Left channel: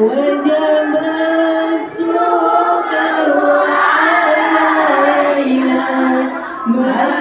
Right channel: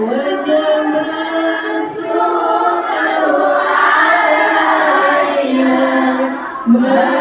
وجب السكر علينا مدى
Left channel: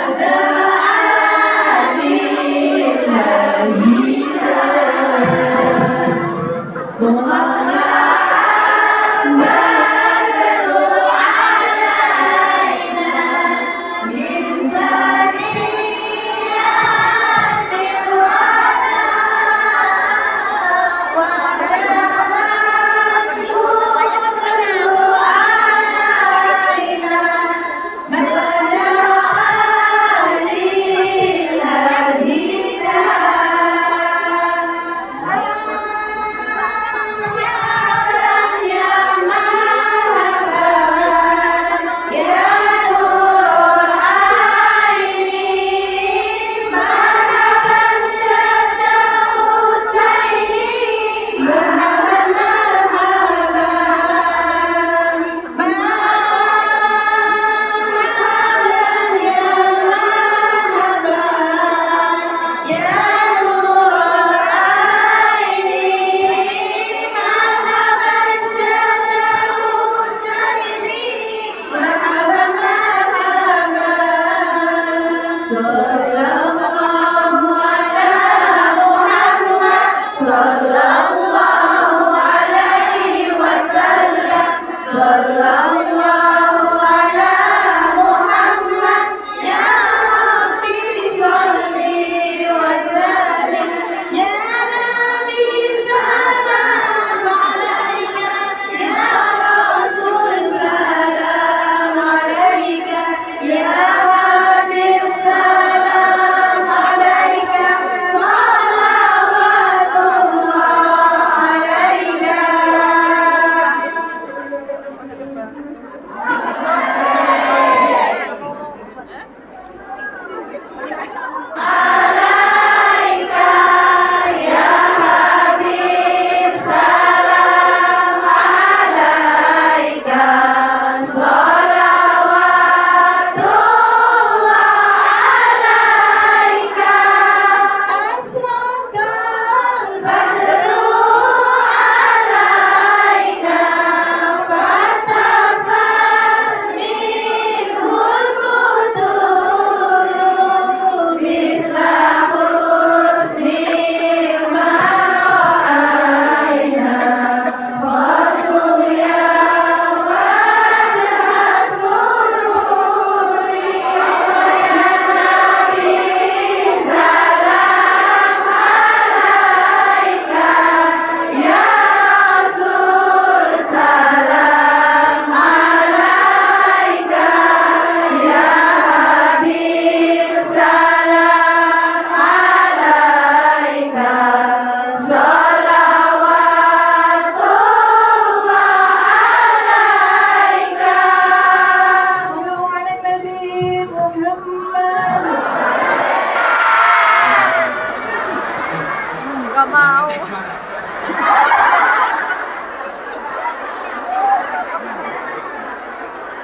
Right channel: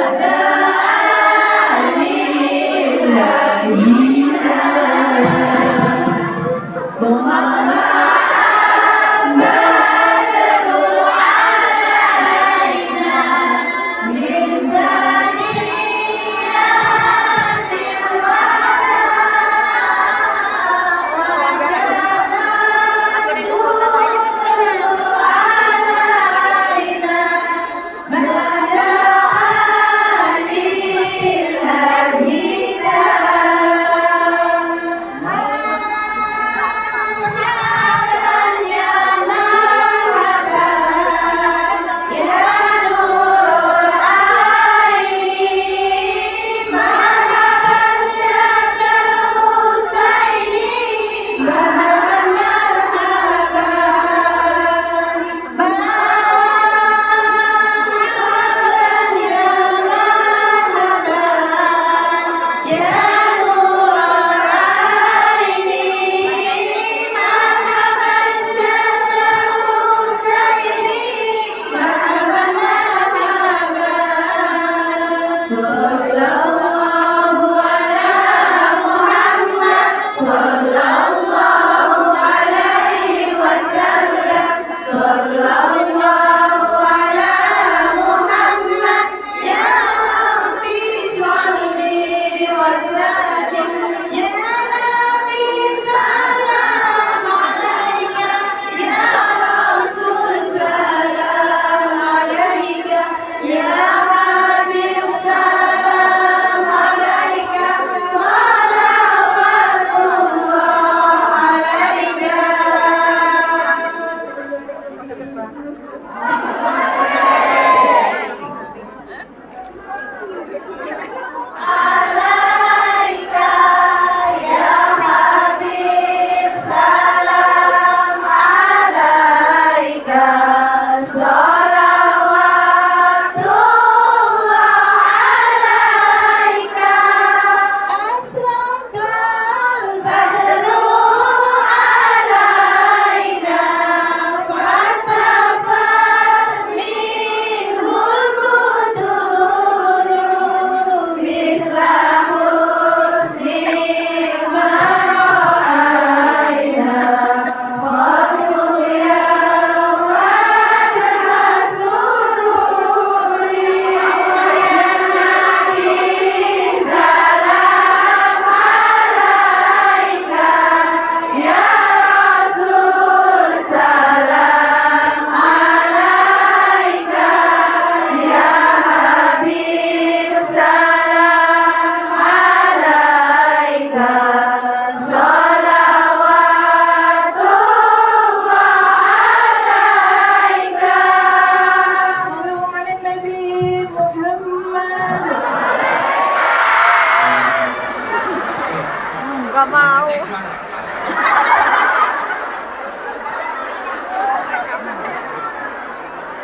Gak mau.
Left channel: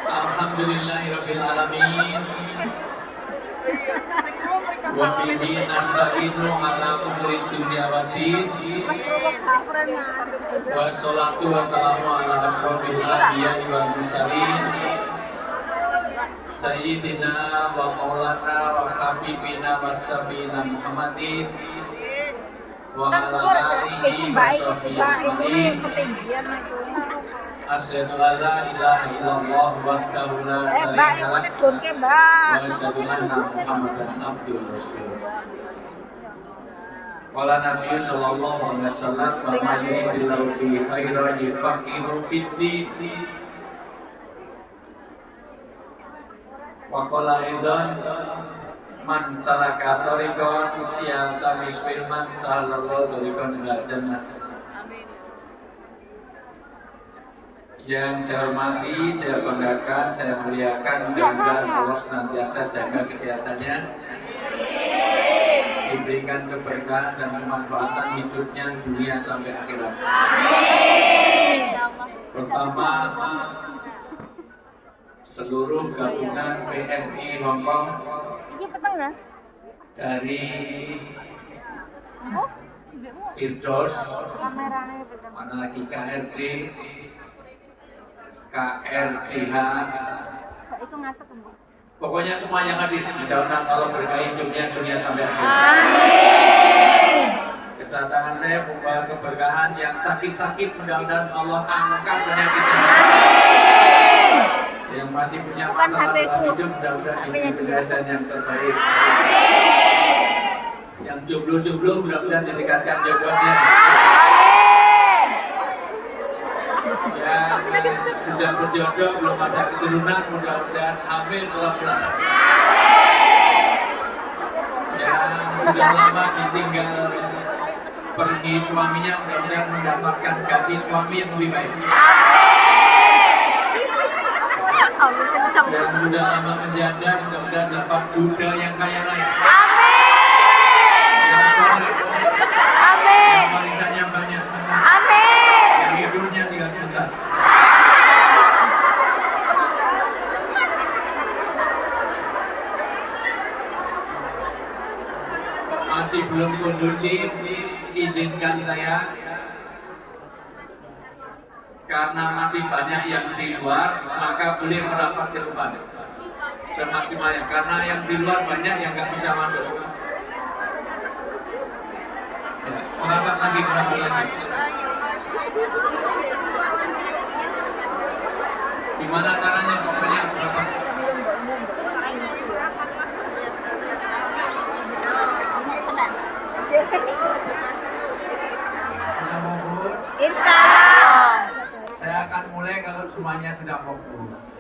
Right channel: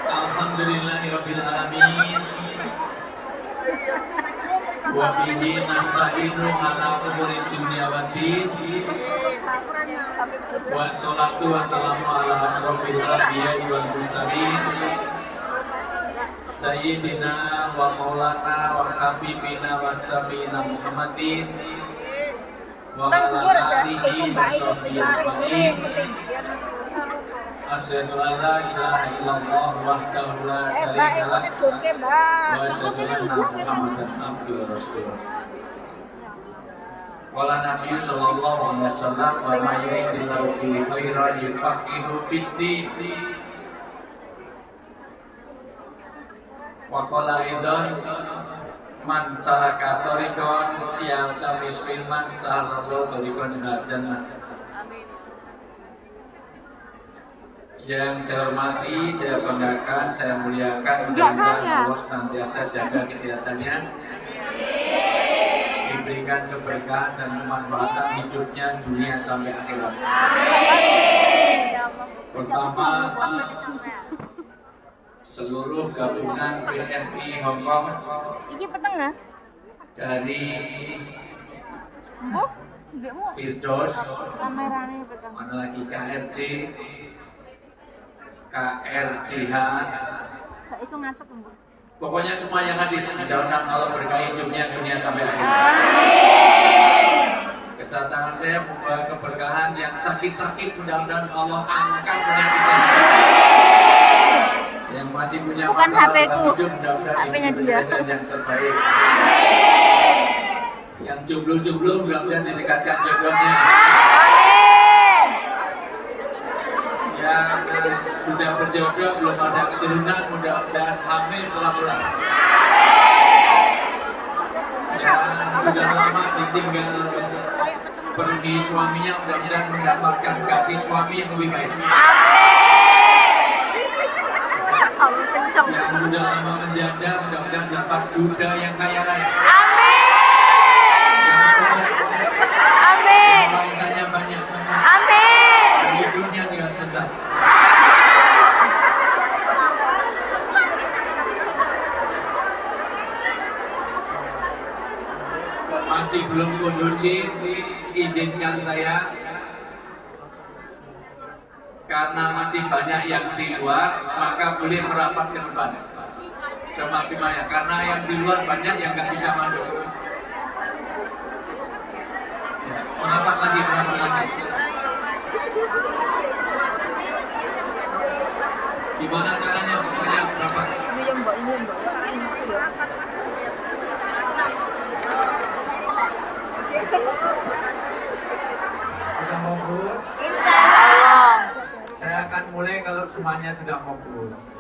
Alhamdulillahirabbil alamin. Wa bihi nasta'inu ala umuri dunya waddin. Wa sholatu wa salamu ala asrofil anbiya'i wal mursalin. Sayyidina wa maulana wa habibina wa syafiina Muhammadin wa ala alihi wa sahbihi ajmain. Asyhadu an la ilaha illallah wahdahu la syarika lah wa asyhadu anna Muhammadan abduhu wa rasuluh. Qala Nabi sallallahu alaihi wasallam wa may yuridillahu bihi khairan yufaqihu fid din. Wa qala aidan man salaka tariqan yaltamis bil man salallahu tariqan ila jannah. Yang saya hormati, saya banggakan, saya muliakan, mudah-mudahan Allah senantiasa jaga kesehatannya, diberikan keberkahan dan kemanfaatan hidupnya dunia sampai akhirat. Pertama, seluruh gabungan PMI Hongkong dari Firdaus Mana lagi KRD, KRDH. Pokoknya semua yang hadir, mudah-mudahan Allah berkahi hidupnya dunia sampai akhir. Amin. Kedatangan saya membawa keberkahan, yang sakit-sakit mudah-mudahan Allah angkat penyakitnya. Yang masih punya masalah dalam hidup mudah-mudahan ini penyelesaian yang terbaik. Yang jomblo-jomblo mudah-mudahan didekatkan jodohnya. Yang sudah berjodoh belum ada keturunan mudah-mudahan hamil setelah yang sudah lama ditinggal pergi suaminya mudah-mudahan mendapatkan ganti suami yang lebih baik. Amin kencang. Yang sudah lama menjanda mudah-mudahan dapat duda yang kaya raya. Amin. Yang soleh, Amin. yang warisannya banyak. Amin. Yang hidupnya tinggal sebentar. Masih belum kondusif, izinkan saya karena masih banyak yang di luar, maka boleh merapat ke depan semaksimalnya. Karena yang di luar banyak yang nggak bisa masuk. Merapat lagi, merapat lagi. Gimana caranya? Pokoknya merapat. Sudah fokus? Insya Allah. Saya akan mulai kalau semuanya sudah fokus.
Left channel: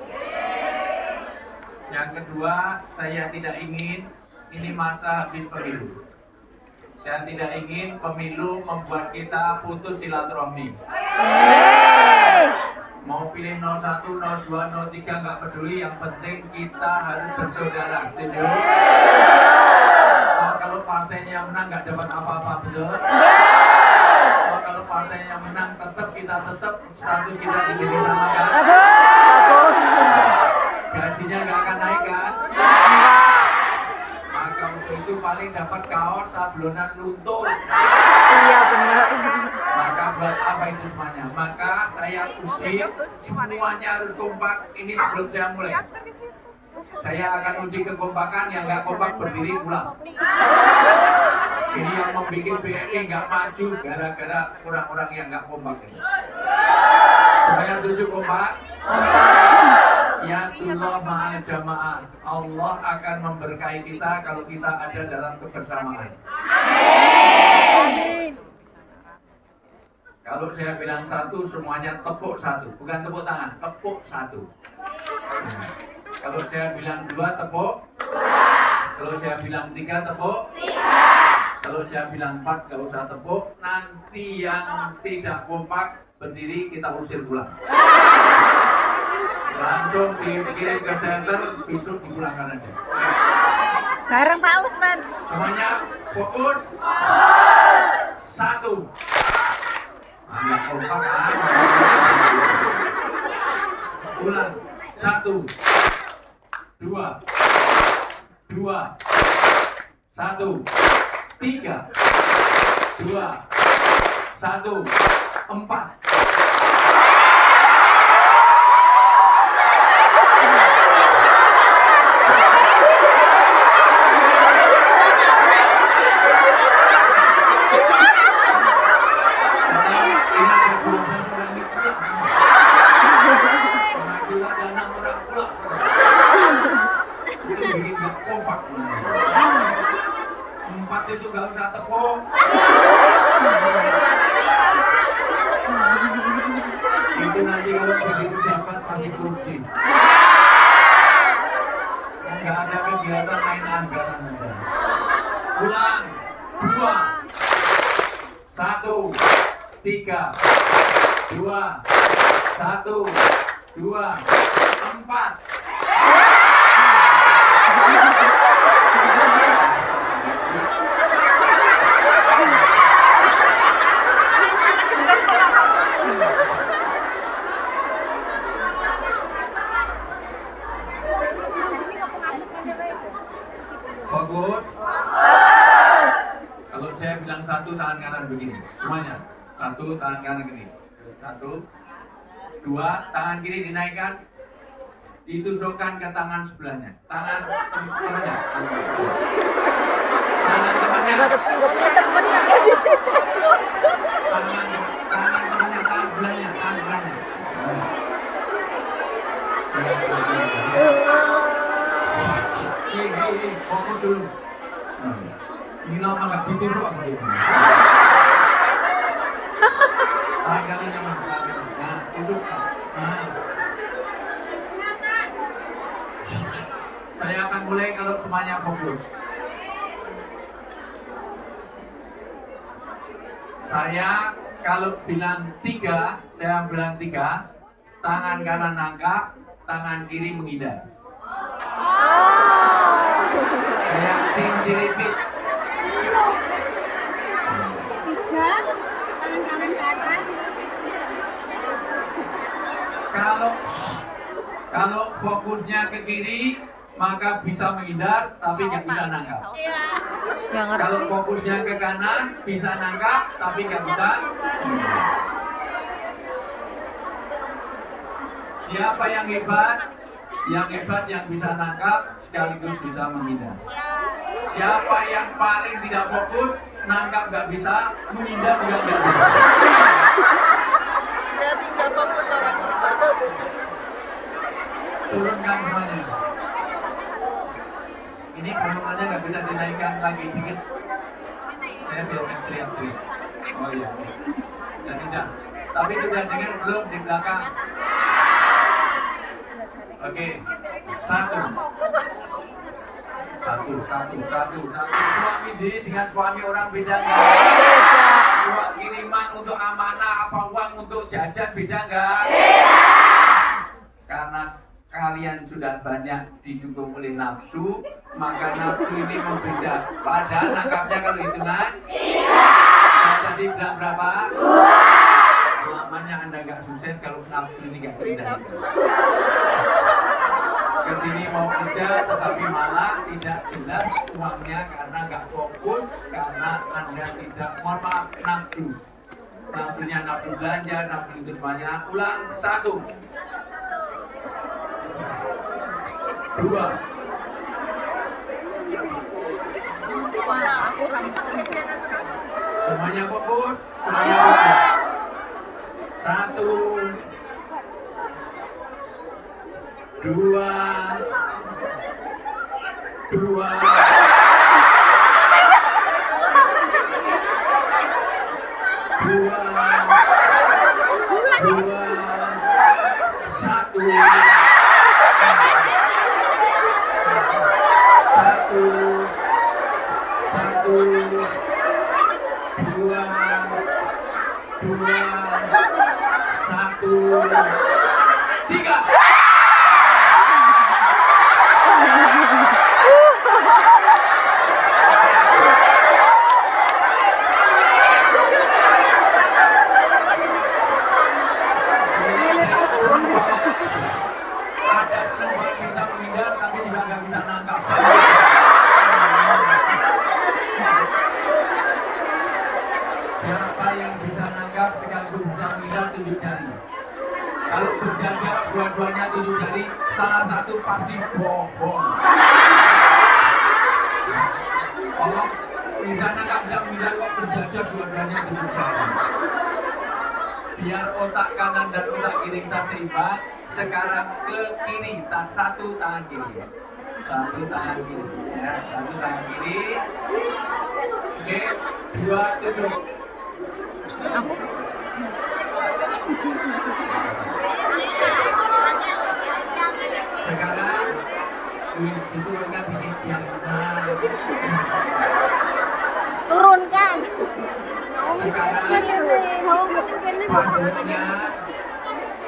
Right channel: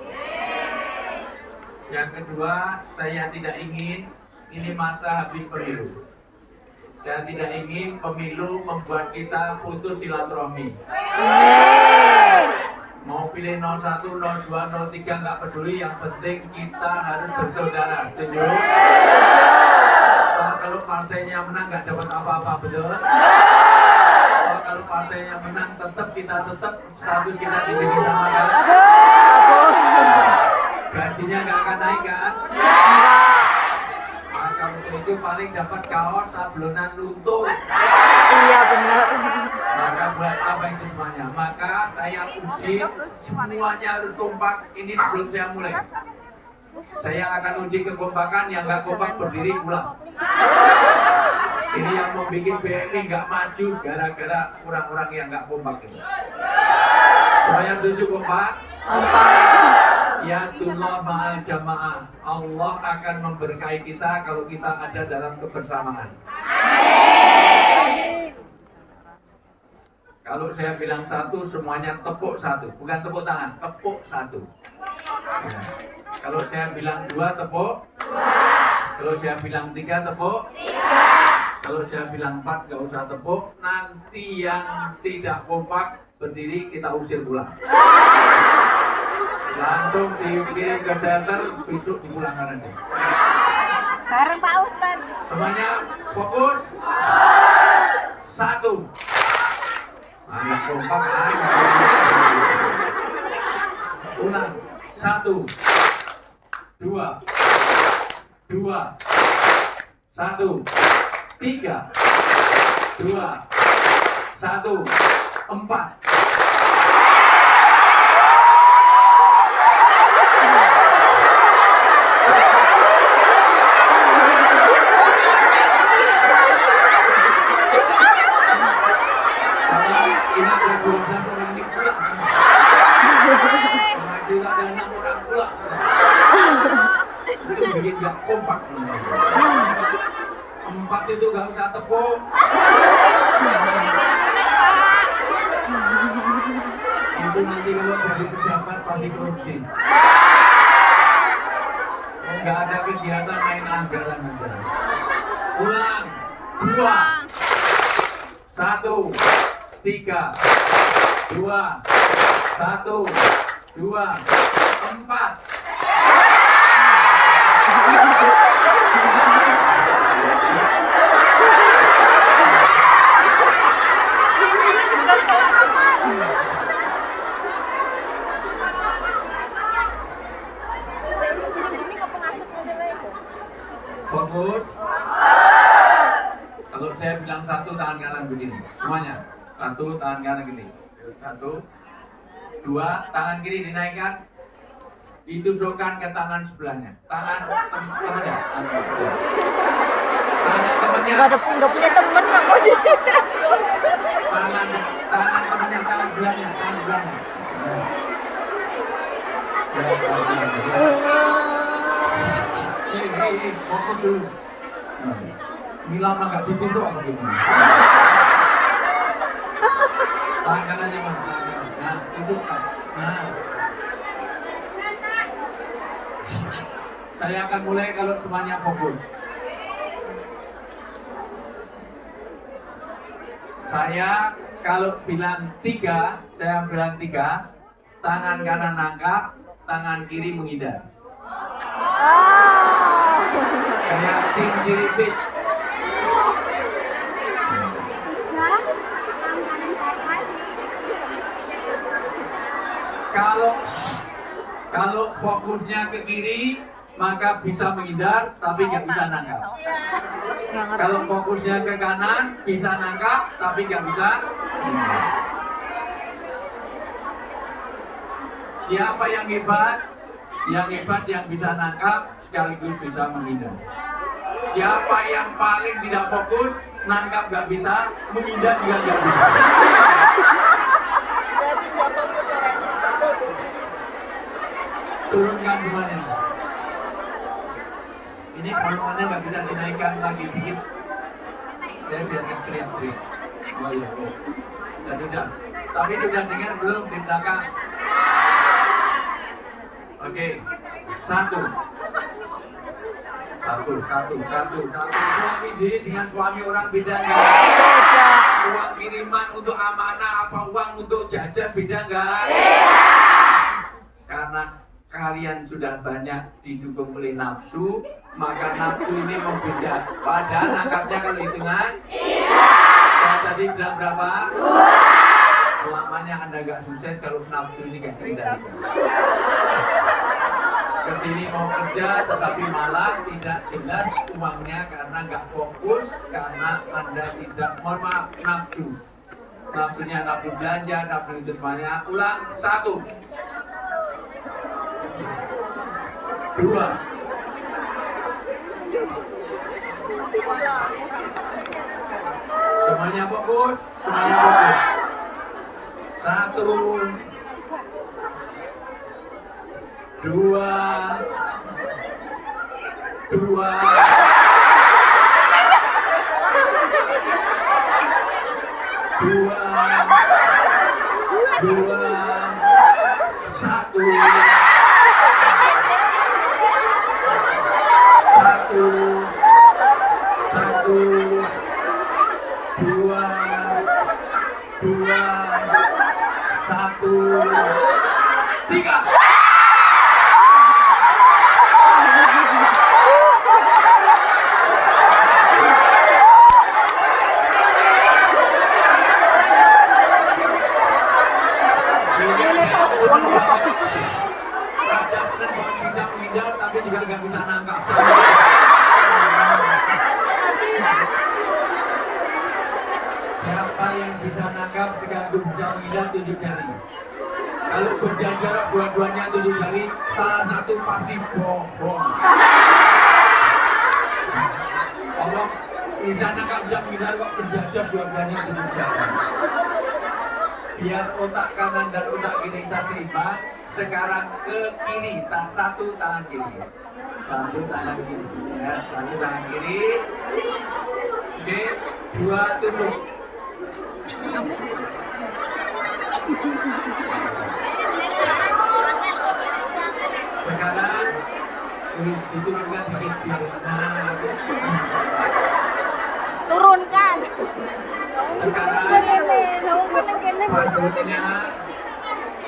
Yang kedua, saya tidak ingin ini masa habis pemilu. Saya tidak ingin pemilu membuat kita putus silaturahmi. Amin. Mau pilih 01, 02, 03 nggak peduli, yang penting kita harus bersaudara. Setuju? Kalau partainya menang nggak dapat apa-apa, betul? Kalau partainya menang tetap status kita di sini sama kan? Bagus. Gajinya nggak akan naik kan? Enggak. Maka untuk itu paling dapat kaos sablonan luntur. Iya benar. Maka buat apa itu semuanya? Maka saya uji semuanya harus kompak. Ini sebelum saya mulai. Saya akan uji kekompakan, yang nggak kompak berdiri pulang. Ini yang membuat BMI nggak maju gara-gara orang-orang yang nggak kompak ini. Semuanya setuju kompak? Kompak. Ya Tullah ma'al jamaah. Allah akan memberkahi kita kalau kita ada dalam kebersamaan. Kalau saya bilang satu, semuanya tepuk satu. Bukan tepuk tangan, tepuk satu. Nah, kalau saya bilang dua, tepuk. Kalau saya bilang tiga, tepuk. Kalau saya bilang empat, gak usah tepuk. Nanti yang tidak kompak berdiri kita usir pulang. Langsung dikirim ke center, besok dipulangkan aja. Bareng Pak Usman. Semuanya fokus. Satu. Anak kompak aja. Ulang. Satu. Dua. Dua. Satu. Tiga. Dua. Satu. Empat. Itu bikin gak kompak. Empat itu gak usah tepuk. Itu nanti kalau jadi pejabat pasti korupsi. Gak ada kegiatan main anggaran aja. Ulang. Dua. Satu. Tiga. Dua. Satu. Dua. Empat. Fokus. Kalau saya bilang satu, tangan kanan begini. Semuanya. Satu, tangan kanan kiri. Satu, dua, tangan kiri dinaikkan, ditusukkan ke tangan sebelahnya. Tangan temannya. Tangan temannya. Nggak punya temen apa sih? Tangan temannya, tangan sebelahnya, tangan sebelahnya. Fokus dulu. Ini lama nggak ditusuk gitu. Tangan kanannya mas, nah, tusuk. Nah. Saya akan mulai kalau semuanya fokus. Saya kalau bilang 3, saya bilang 3, tangan kanan nangkap, tangan kiri menghindar. Kayak cinciripit. Kalau fokusnya ke kiri, maka bisa menghindar, tapi nggak bisa nangkap. Kalau fokusnya ke kanan, bisa nangkap, tapi nggak bisa menghindar. Siapa yang hebat? Yang hebat yang bisa nangkap, sekaligus bisa menghindar. Siapa yang paling tidak fokus, nangkap nggak bisa, menghindar juga nggak bisa. Jadi nggak fokus orangnya. Turunkan semuanya. Ini semuanya nggak bisa dinaikkan lagi dikit. Saya biarkan teriak-teriak. Oh iya, ya sudah. Tapi sudah dengar belum di belakang? Oke, satu. Suami diri dengan suami orang beda nggak? Beda. Uang kiriman untuk amanah apa uang untuk jajan beda nggak? Karena kalian sudah banyak didukung oleh nafsu, maka nafsu ini membeda. Padahal nangkapnya kalau hitungan, saya tadi bilang berapa? Selamanya Anda nggak sukses kalau nafsu ini nggak terkendali. Kesini mau kerja tetapi malah tidak jelas uangnya karena nggak fokus, karena Anda tidak, mohon maaf, nafsu. Nafsunya nafsu belanja, nafsu itu semuanya. Ulang, 1, 2, 1. Semuanya fokus. 1, 2, 2, 1. 3. Ada senang bisa menghindar tapi juga nggak bisa nangkap. Siapa yang bisa nangkap sekaligus bisa menghindar, tunjuk jari. Kalau berjajar dua-duanya tunjuk jari, salah satu pasti bohong. Kalau bisa nangkap bisa menghindar, kok berjajar dua-duanya tunjuk jari. Biar otak kanan dan otak kiri kita seimbang. Sekarang ke kiri, satu tangan kiri. Satu tangan kiri, ya, satu tangan kiri. Oke, 2 tusuk. Sekarang diturunkan dikit biar. Turunkan. Sekarang passwordnya,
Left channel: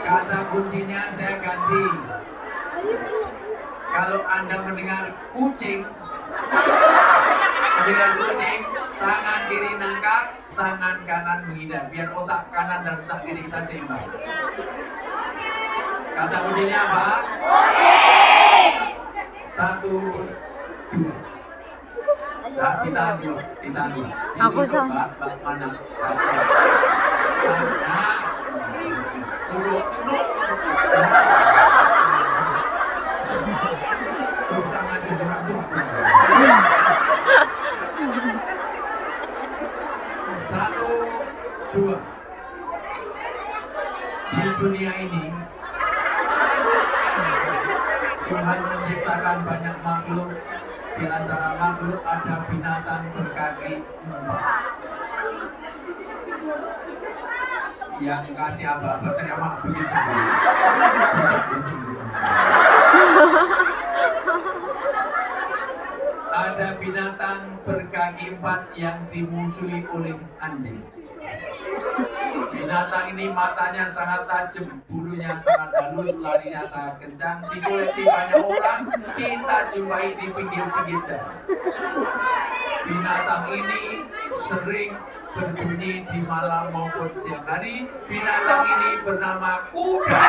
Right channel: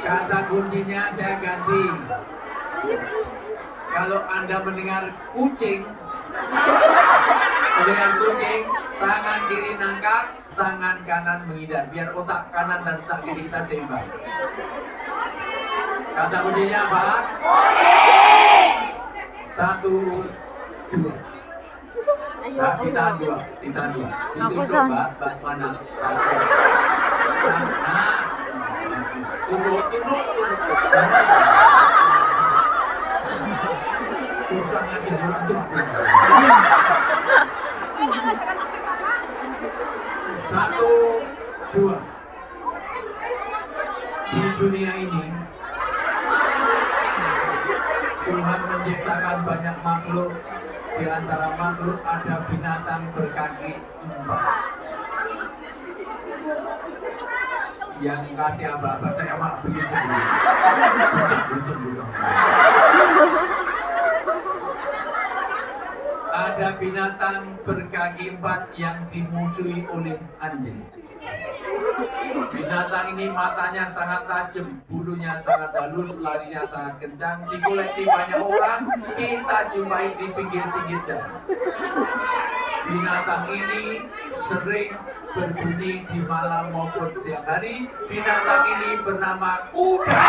kata kuncinya saya ganti. Kalau Anda mendengar kucing, tangan kiri nangkap, tangan kanan menghindar, biar otak kanan dan otak kiri kita seimbang. Kata kuncinya apa? 1, 2. Nah, ditahan dua. Aku Ditusuk, san. Mbak mana? Nah, tusuk. Susah aja orang tuh. Satu, dua. Di dunia ini Tuhan menciptakan banyak makhluk. Di antara makhluk ada binatang berkaki 4. Yang kasih apa-apa saya mah bikin sendiri. Buceng. Ada binatang berkaki 4 yang dimusuhi oleh anjing. Binatang ini matanya sangat tajam, bulunya sangat halus, larinya sangat kencang, dikoleksi banyak orang, kita jumpai di pinggir-pinggir jalan. Binatang ini sering berbunyi di malam maupun siang hari. Binatang ini bernama kuda.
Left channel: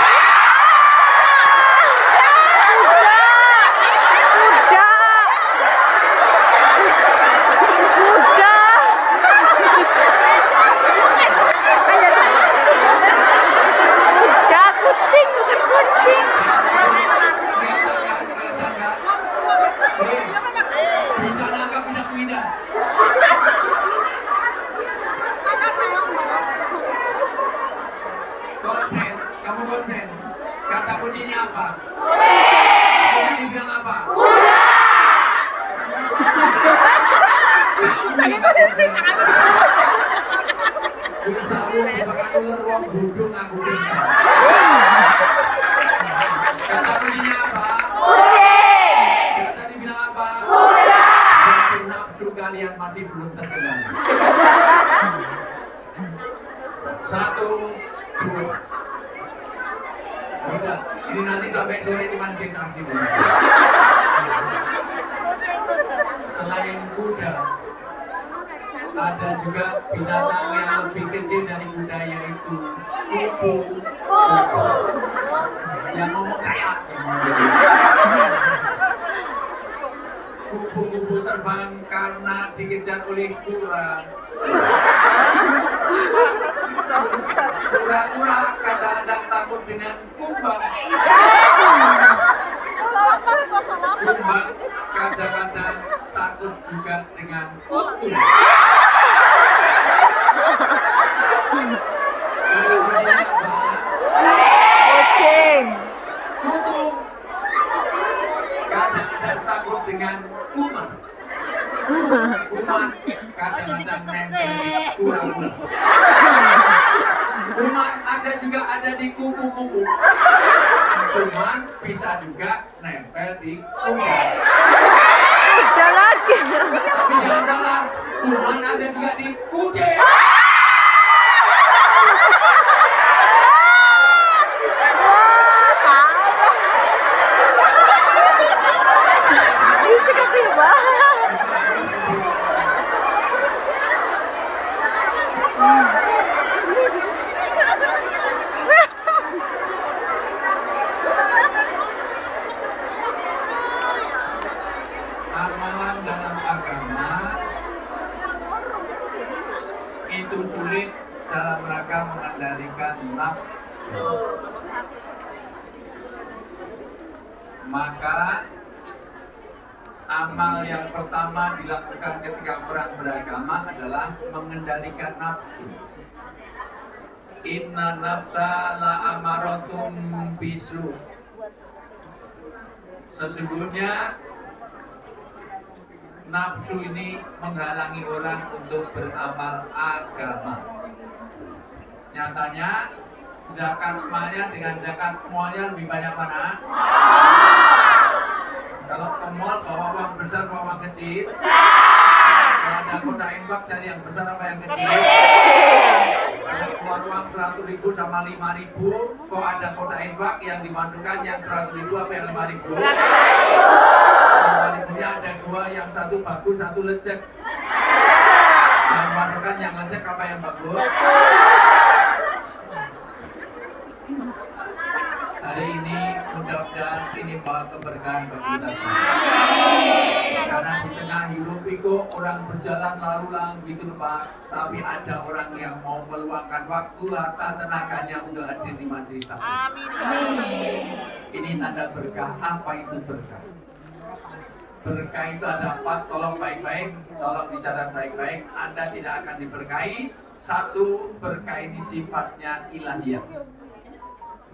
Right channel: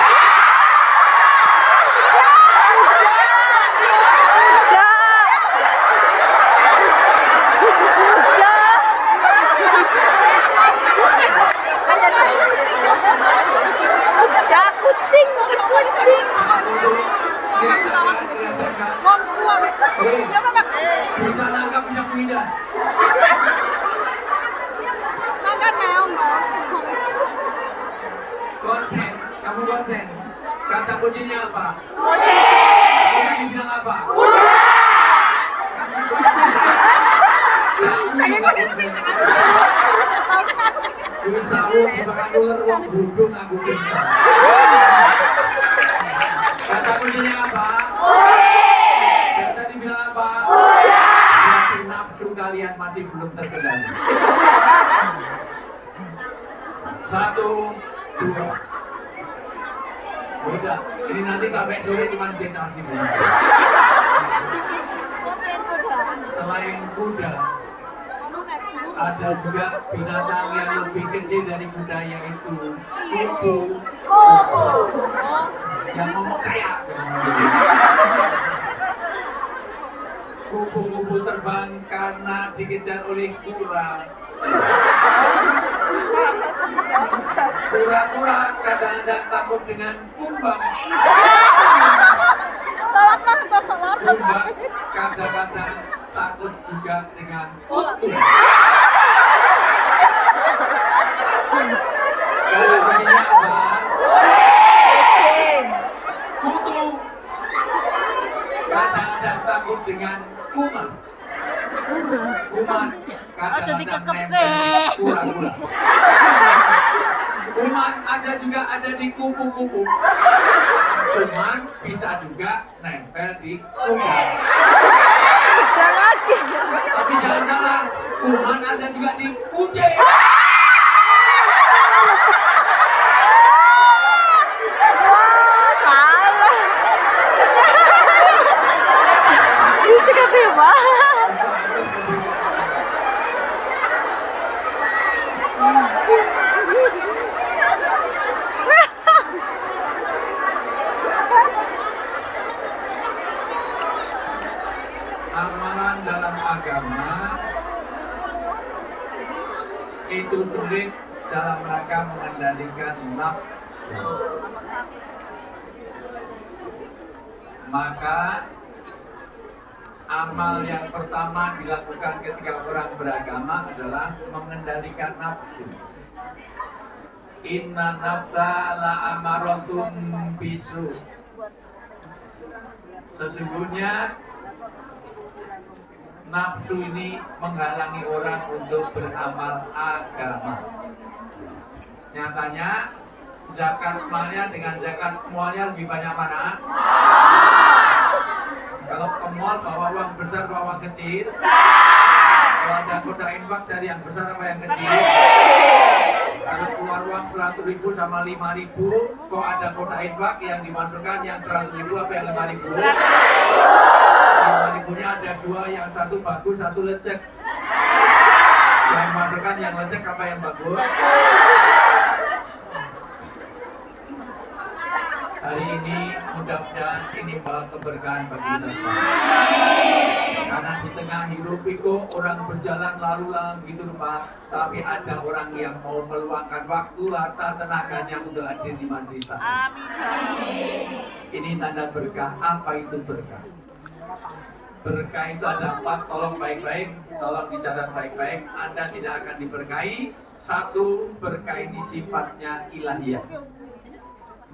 Kucing, bukan kucing. Bisa nangkap punya kuda. Konsen, kamu konsen. Kata kuncinya apa? Kuda dibilang apa? Bisa bukan ular wong budung aku pintar. Kata kuncinya apa? Saya tadi bilang apa? Berarti nafsu kalian masih belum terkendali. 1, 2. Udah, ini nanti sampai sore cuma dia saksi dulu. Selain kuda, ada juga binatang yang lebih kecil dari kuda, yaitu kupu. Yang ngomong kayak kupu-kupu terbang karena dikejar oleh kura. Kura-kura kadang-kadang takut dengan kumbang. Kumbang kadang-kadang takut juga dengan kutu. Kalau saya apa? Kucing. Kutu kadang-kadang takut dengan kuman. Kuman kadang-kadang nempel di kura-kura. Kuman ada di kupu-kupu. Kuman bisa juga nempel di kuda. Ada lagi. Tapi jangan salah, kuman ada juga di kucing. Wah, kalah. Bisa ketiba. Amalan dalam agama itu sulit dalam rangka mengendalikan nafsu. Maka amal yang pertama dilakukan ketika orang beragama adalah mengendalikan nafsu. Inna nafsa la amarotum bisu. Sesungguhnya nafsu ini menghalangi orang untuk beramal agama. Nyatanya zakat malnya dengan zakat mualnya lebih banyak mana? Kalau ke mall bawa uang besar bawa uang kecil? Kalau ada kota infak cari yang besar apa yang kecil? Kalau keluar uang 100.000 sama 5.000, kok ada kota infak yang dimasukkan yang 100.000 apa yang 5.000? 5.000-nya ada 2, yang satu bagus, satu lecek. Yang masukkan yang lecek apa yang bagus? Hari ini mudah-mudahan ini bawa keberkahan bagi kita semua. Karena di tengah hidup itu orang berjalan lalu lalang gitu Pak. Tapi ada orang yang mau meluangkan waktu, harta, tenaganya untuk hadir di majelis taklim. Ini tanda berkah. Apa itu berkah? Berkah itu ada 4, tolong baik-baik, tolong dicatat baik-baik. Anda tidak akan diberkahi. 1, berkah ini sifatnya ilahiyah.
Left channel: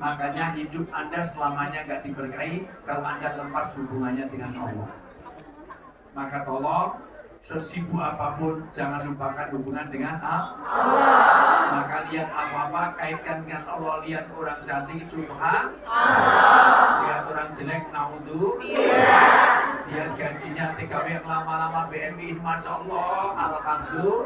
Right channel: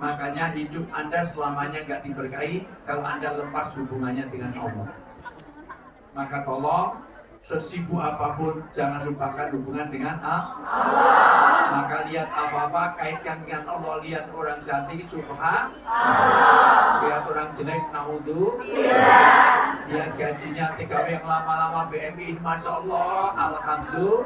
Makanya hidup Anda selamanya gak diberkahi kalau Anda lepas hubungannya dengan Allah. Maka tolong, sesibuk apapun jangan lupakan hubungan dengan Allah. Maka lihat apa-apa kaitkan dengan Allah. Lihat orang cantik, subhan. Lihat orang jelek, naudhu. Lihat gajinya TKW yang lama-lama BMI, Masya Allah, Alhamdulillah.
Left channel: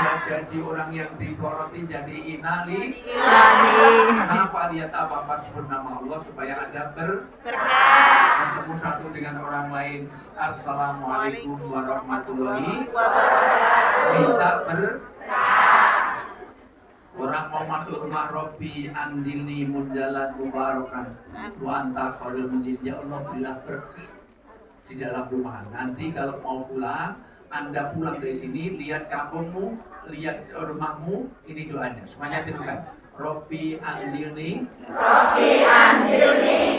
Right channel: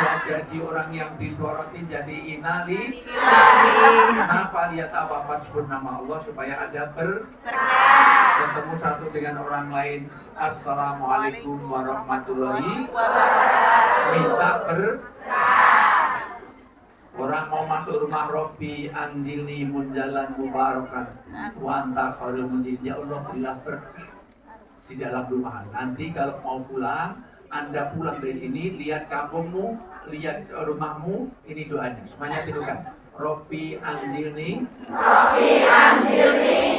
Lihat gaji orang yang diporotin jadi inali. Kenapa? Lihat apa-apa sebut nama Allah supaya ada bertemu satu dengan orang lain. Assalamualaikum warahmatullahi wabarakatuh. Minta orang mau masuk rumah Robbi anjilni munjalan mubarakan wa anta khairul munjil. Ya Allah, berilah berkah di dalam rumah. Nanti kalau mau pulang, Anda pulang dari sini, lihat kampungmu, lihat rumahmu, ini doanya. Semuanya tirukan. Robbi anjilni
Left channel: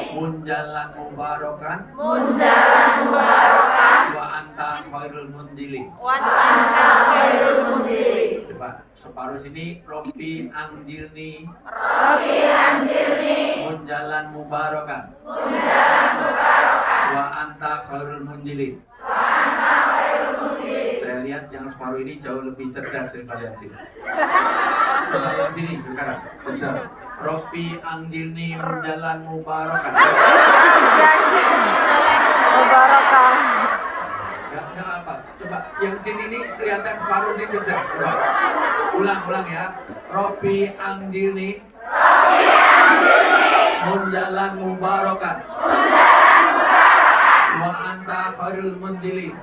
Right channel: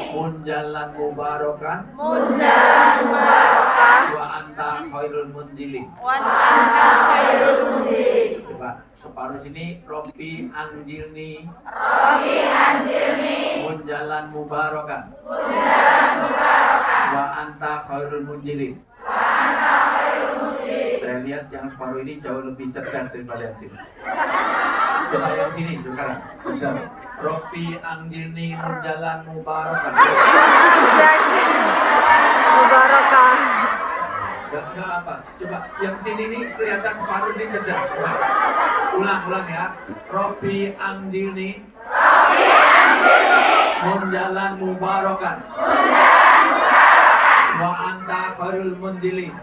munjalan mubarakan wa anta khairul munjilin. Coba separuh sini. Robbi anjilni munjalan mubarakan wa anta khairul munjilin. Saya lihat yang separuh ini jauh lebih cerdas daripada yang sini. Coba yang sini sekarang. Bentar. Robbi anjilni munjalan mubarakan. Mubarakah. Gak apa. Coba yang sini nih kelihatan separuh ini cerdas. Ulang ya. Robbi anjilni munjalan mubarakan wa anta khairul munjilin.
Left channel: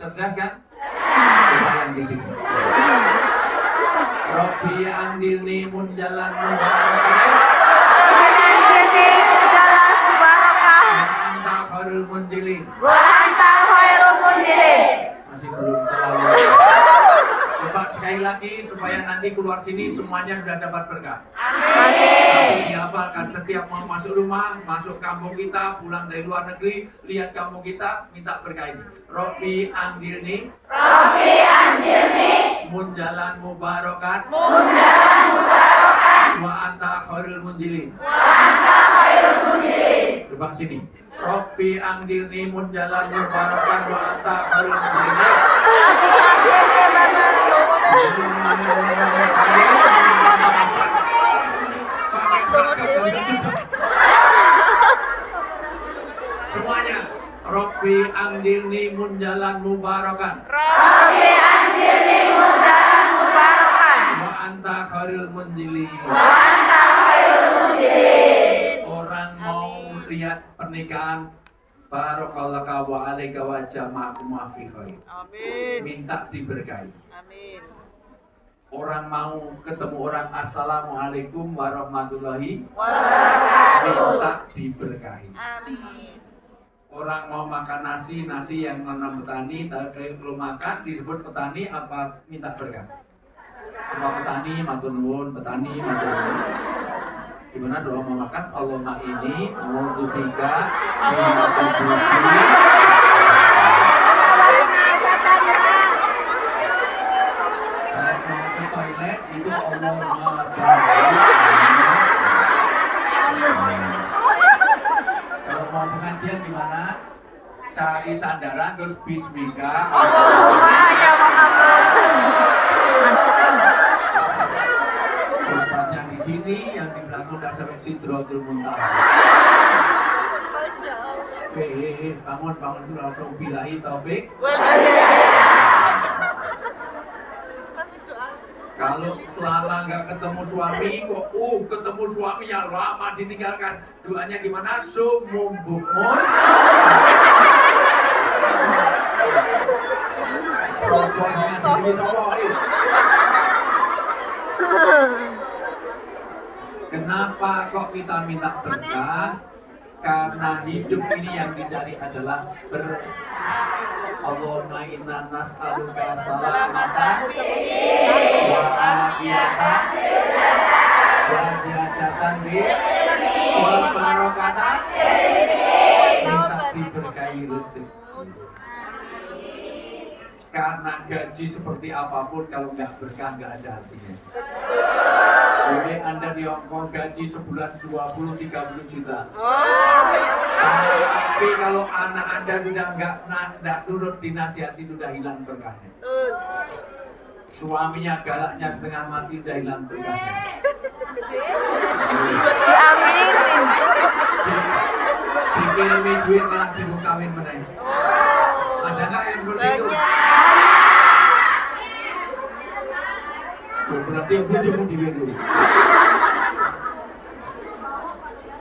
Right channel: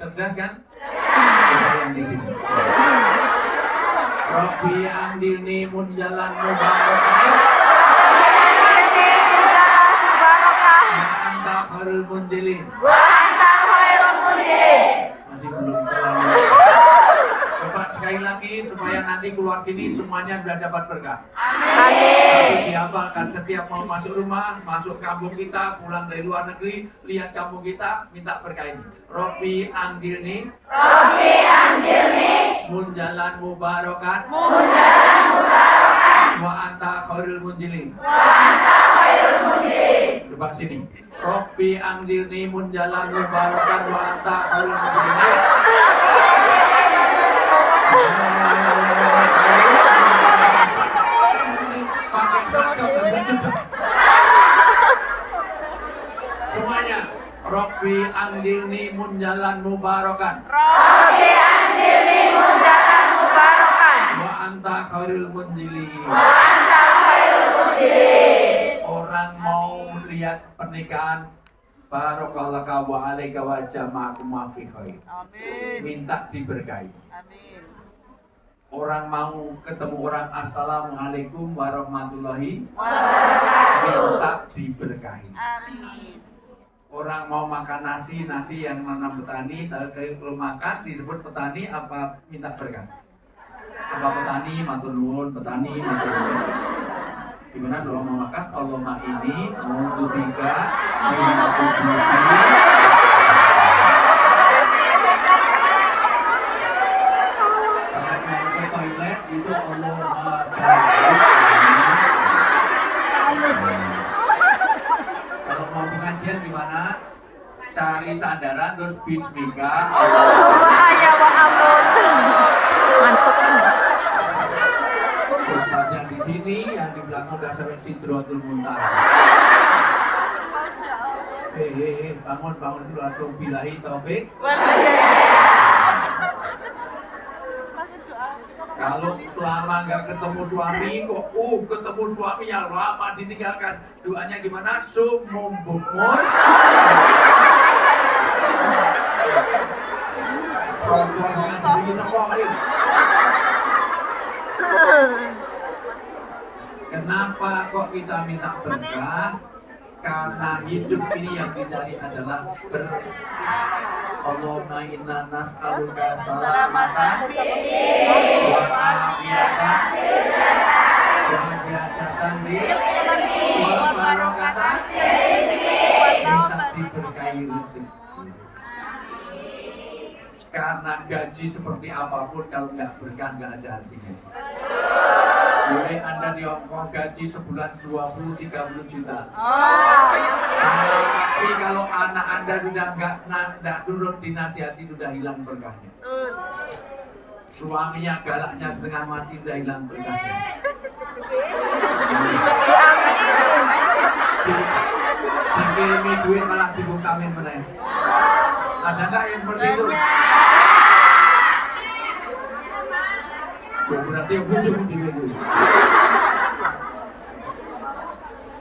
Cerdas kan? Coba yang di sini. Robbi anjilni munjalan mubarakan wa anta khairul munjilin. Masih belum terlalu. Coba sekali lagi supaya nanti keluar sini semuanya sudah dapat berkah. Amin. Dihafalkan setiap mau masuk rumah, masuk kampung kita, pulang dari luar negeri, lihat kampung kita, minta berkah ini. Robbi anjilni munjalan mubarakan wa anta khairul munjilin. Coba sini. Robbi anjilni munjalan mubarakan wa anta khairul munjilin. Semuanya. Robbi anjilni munjalan mubarakan wa anta khairul munjilin. Orang mau lihat pernikahan, barakallahu wa alaika wa jama'akum fi khair. Minta diberkahi. Orang mau ketemu orang, assalamualaikum warahmatullahi wabarakatuh, minta diberkahi. Orang mau makan nasi yang menanam petani, kalau makan disebut petani apa minta berkah? Apa petani matur nuwun, petani matur nuwun. Gimana doa mau makan? Allahumma ini mau bika minat kudusi. Toilet itu Allahumma kalau mau pengajian gimana? Cari sandaran terus bismika. Ustaznya di sini, yang di belakang udah sampai Sidratul Muntaha. Bangun itu langsung billahi taufik. Kalau selama nggak ketemu suami kok ketemu suami yang lama ditinggalkan, doanya gimana? Sumum bumun. Kenapa kok kita minta berkah? Karena hidup ini yang dicari adalah Allahumma inna nas'aluka salamatan wa afiyatan wa ziyadatan wal barakatan, minta diberkahi rezeki. Karena gaji seperti apapun kalau nggak berkah nggak ada artinya. Boleh Anda di Hong Kong gaji sebulan 20-30 juta. Tapi kalau anak Anda sudah nggak nurut dinasihati, sudah hilang berkahnya. Suaminya galaknya setengah mati, sudah hilang berkahnya. Dikirimi duit malah bingung kawin meneh. Ada nggak yang seperti itu? Berarti bojomu dhewe kuwi.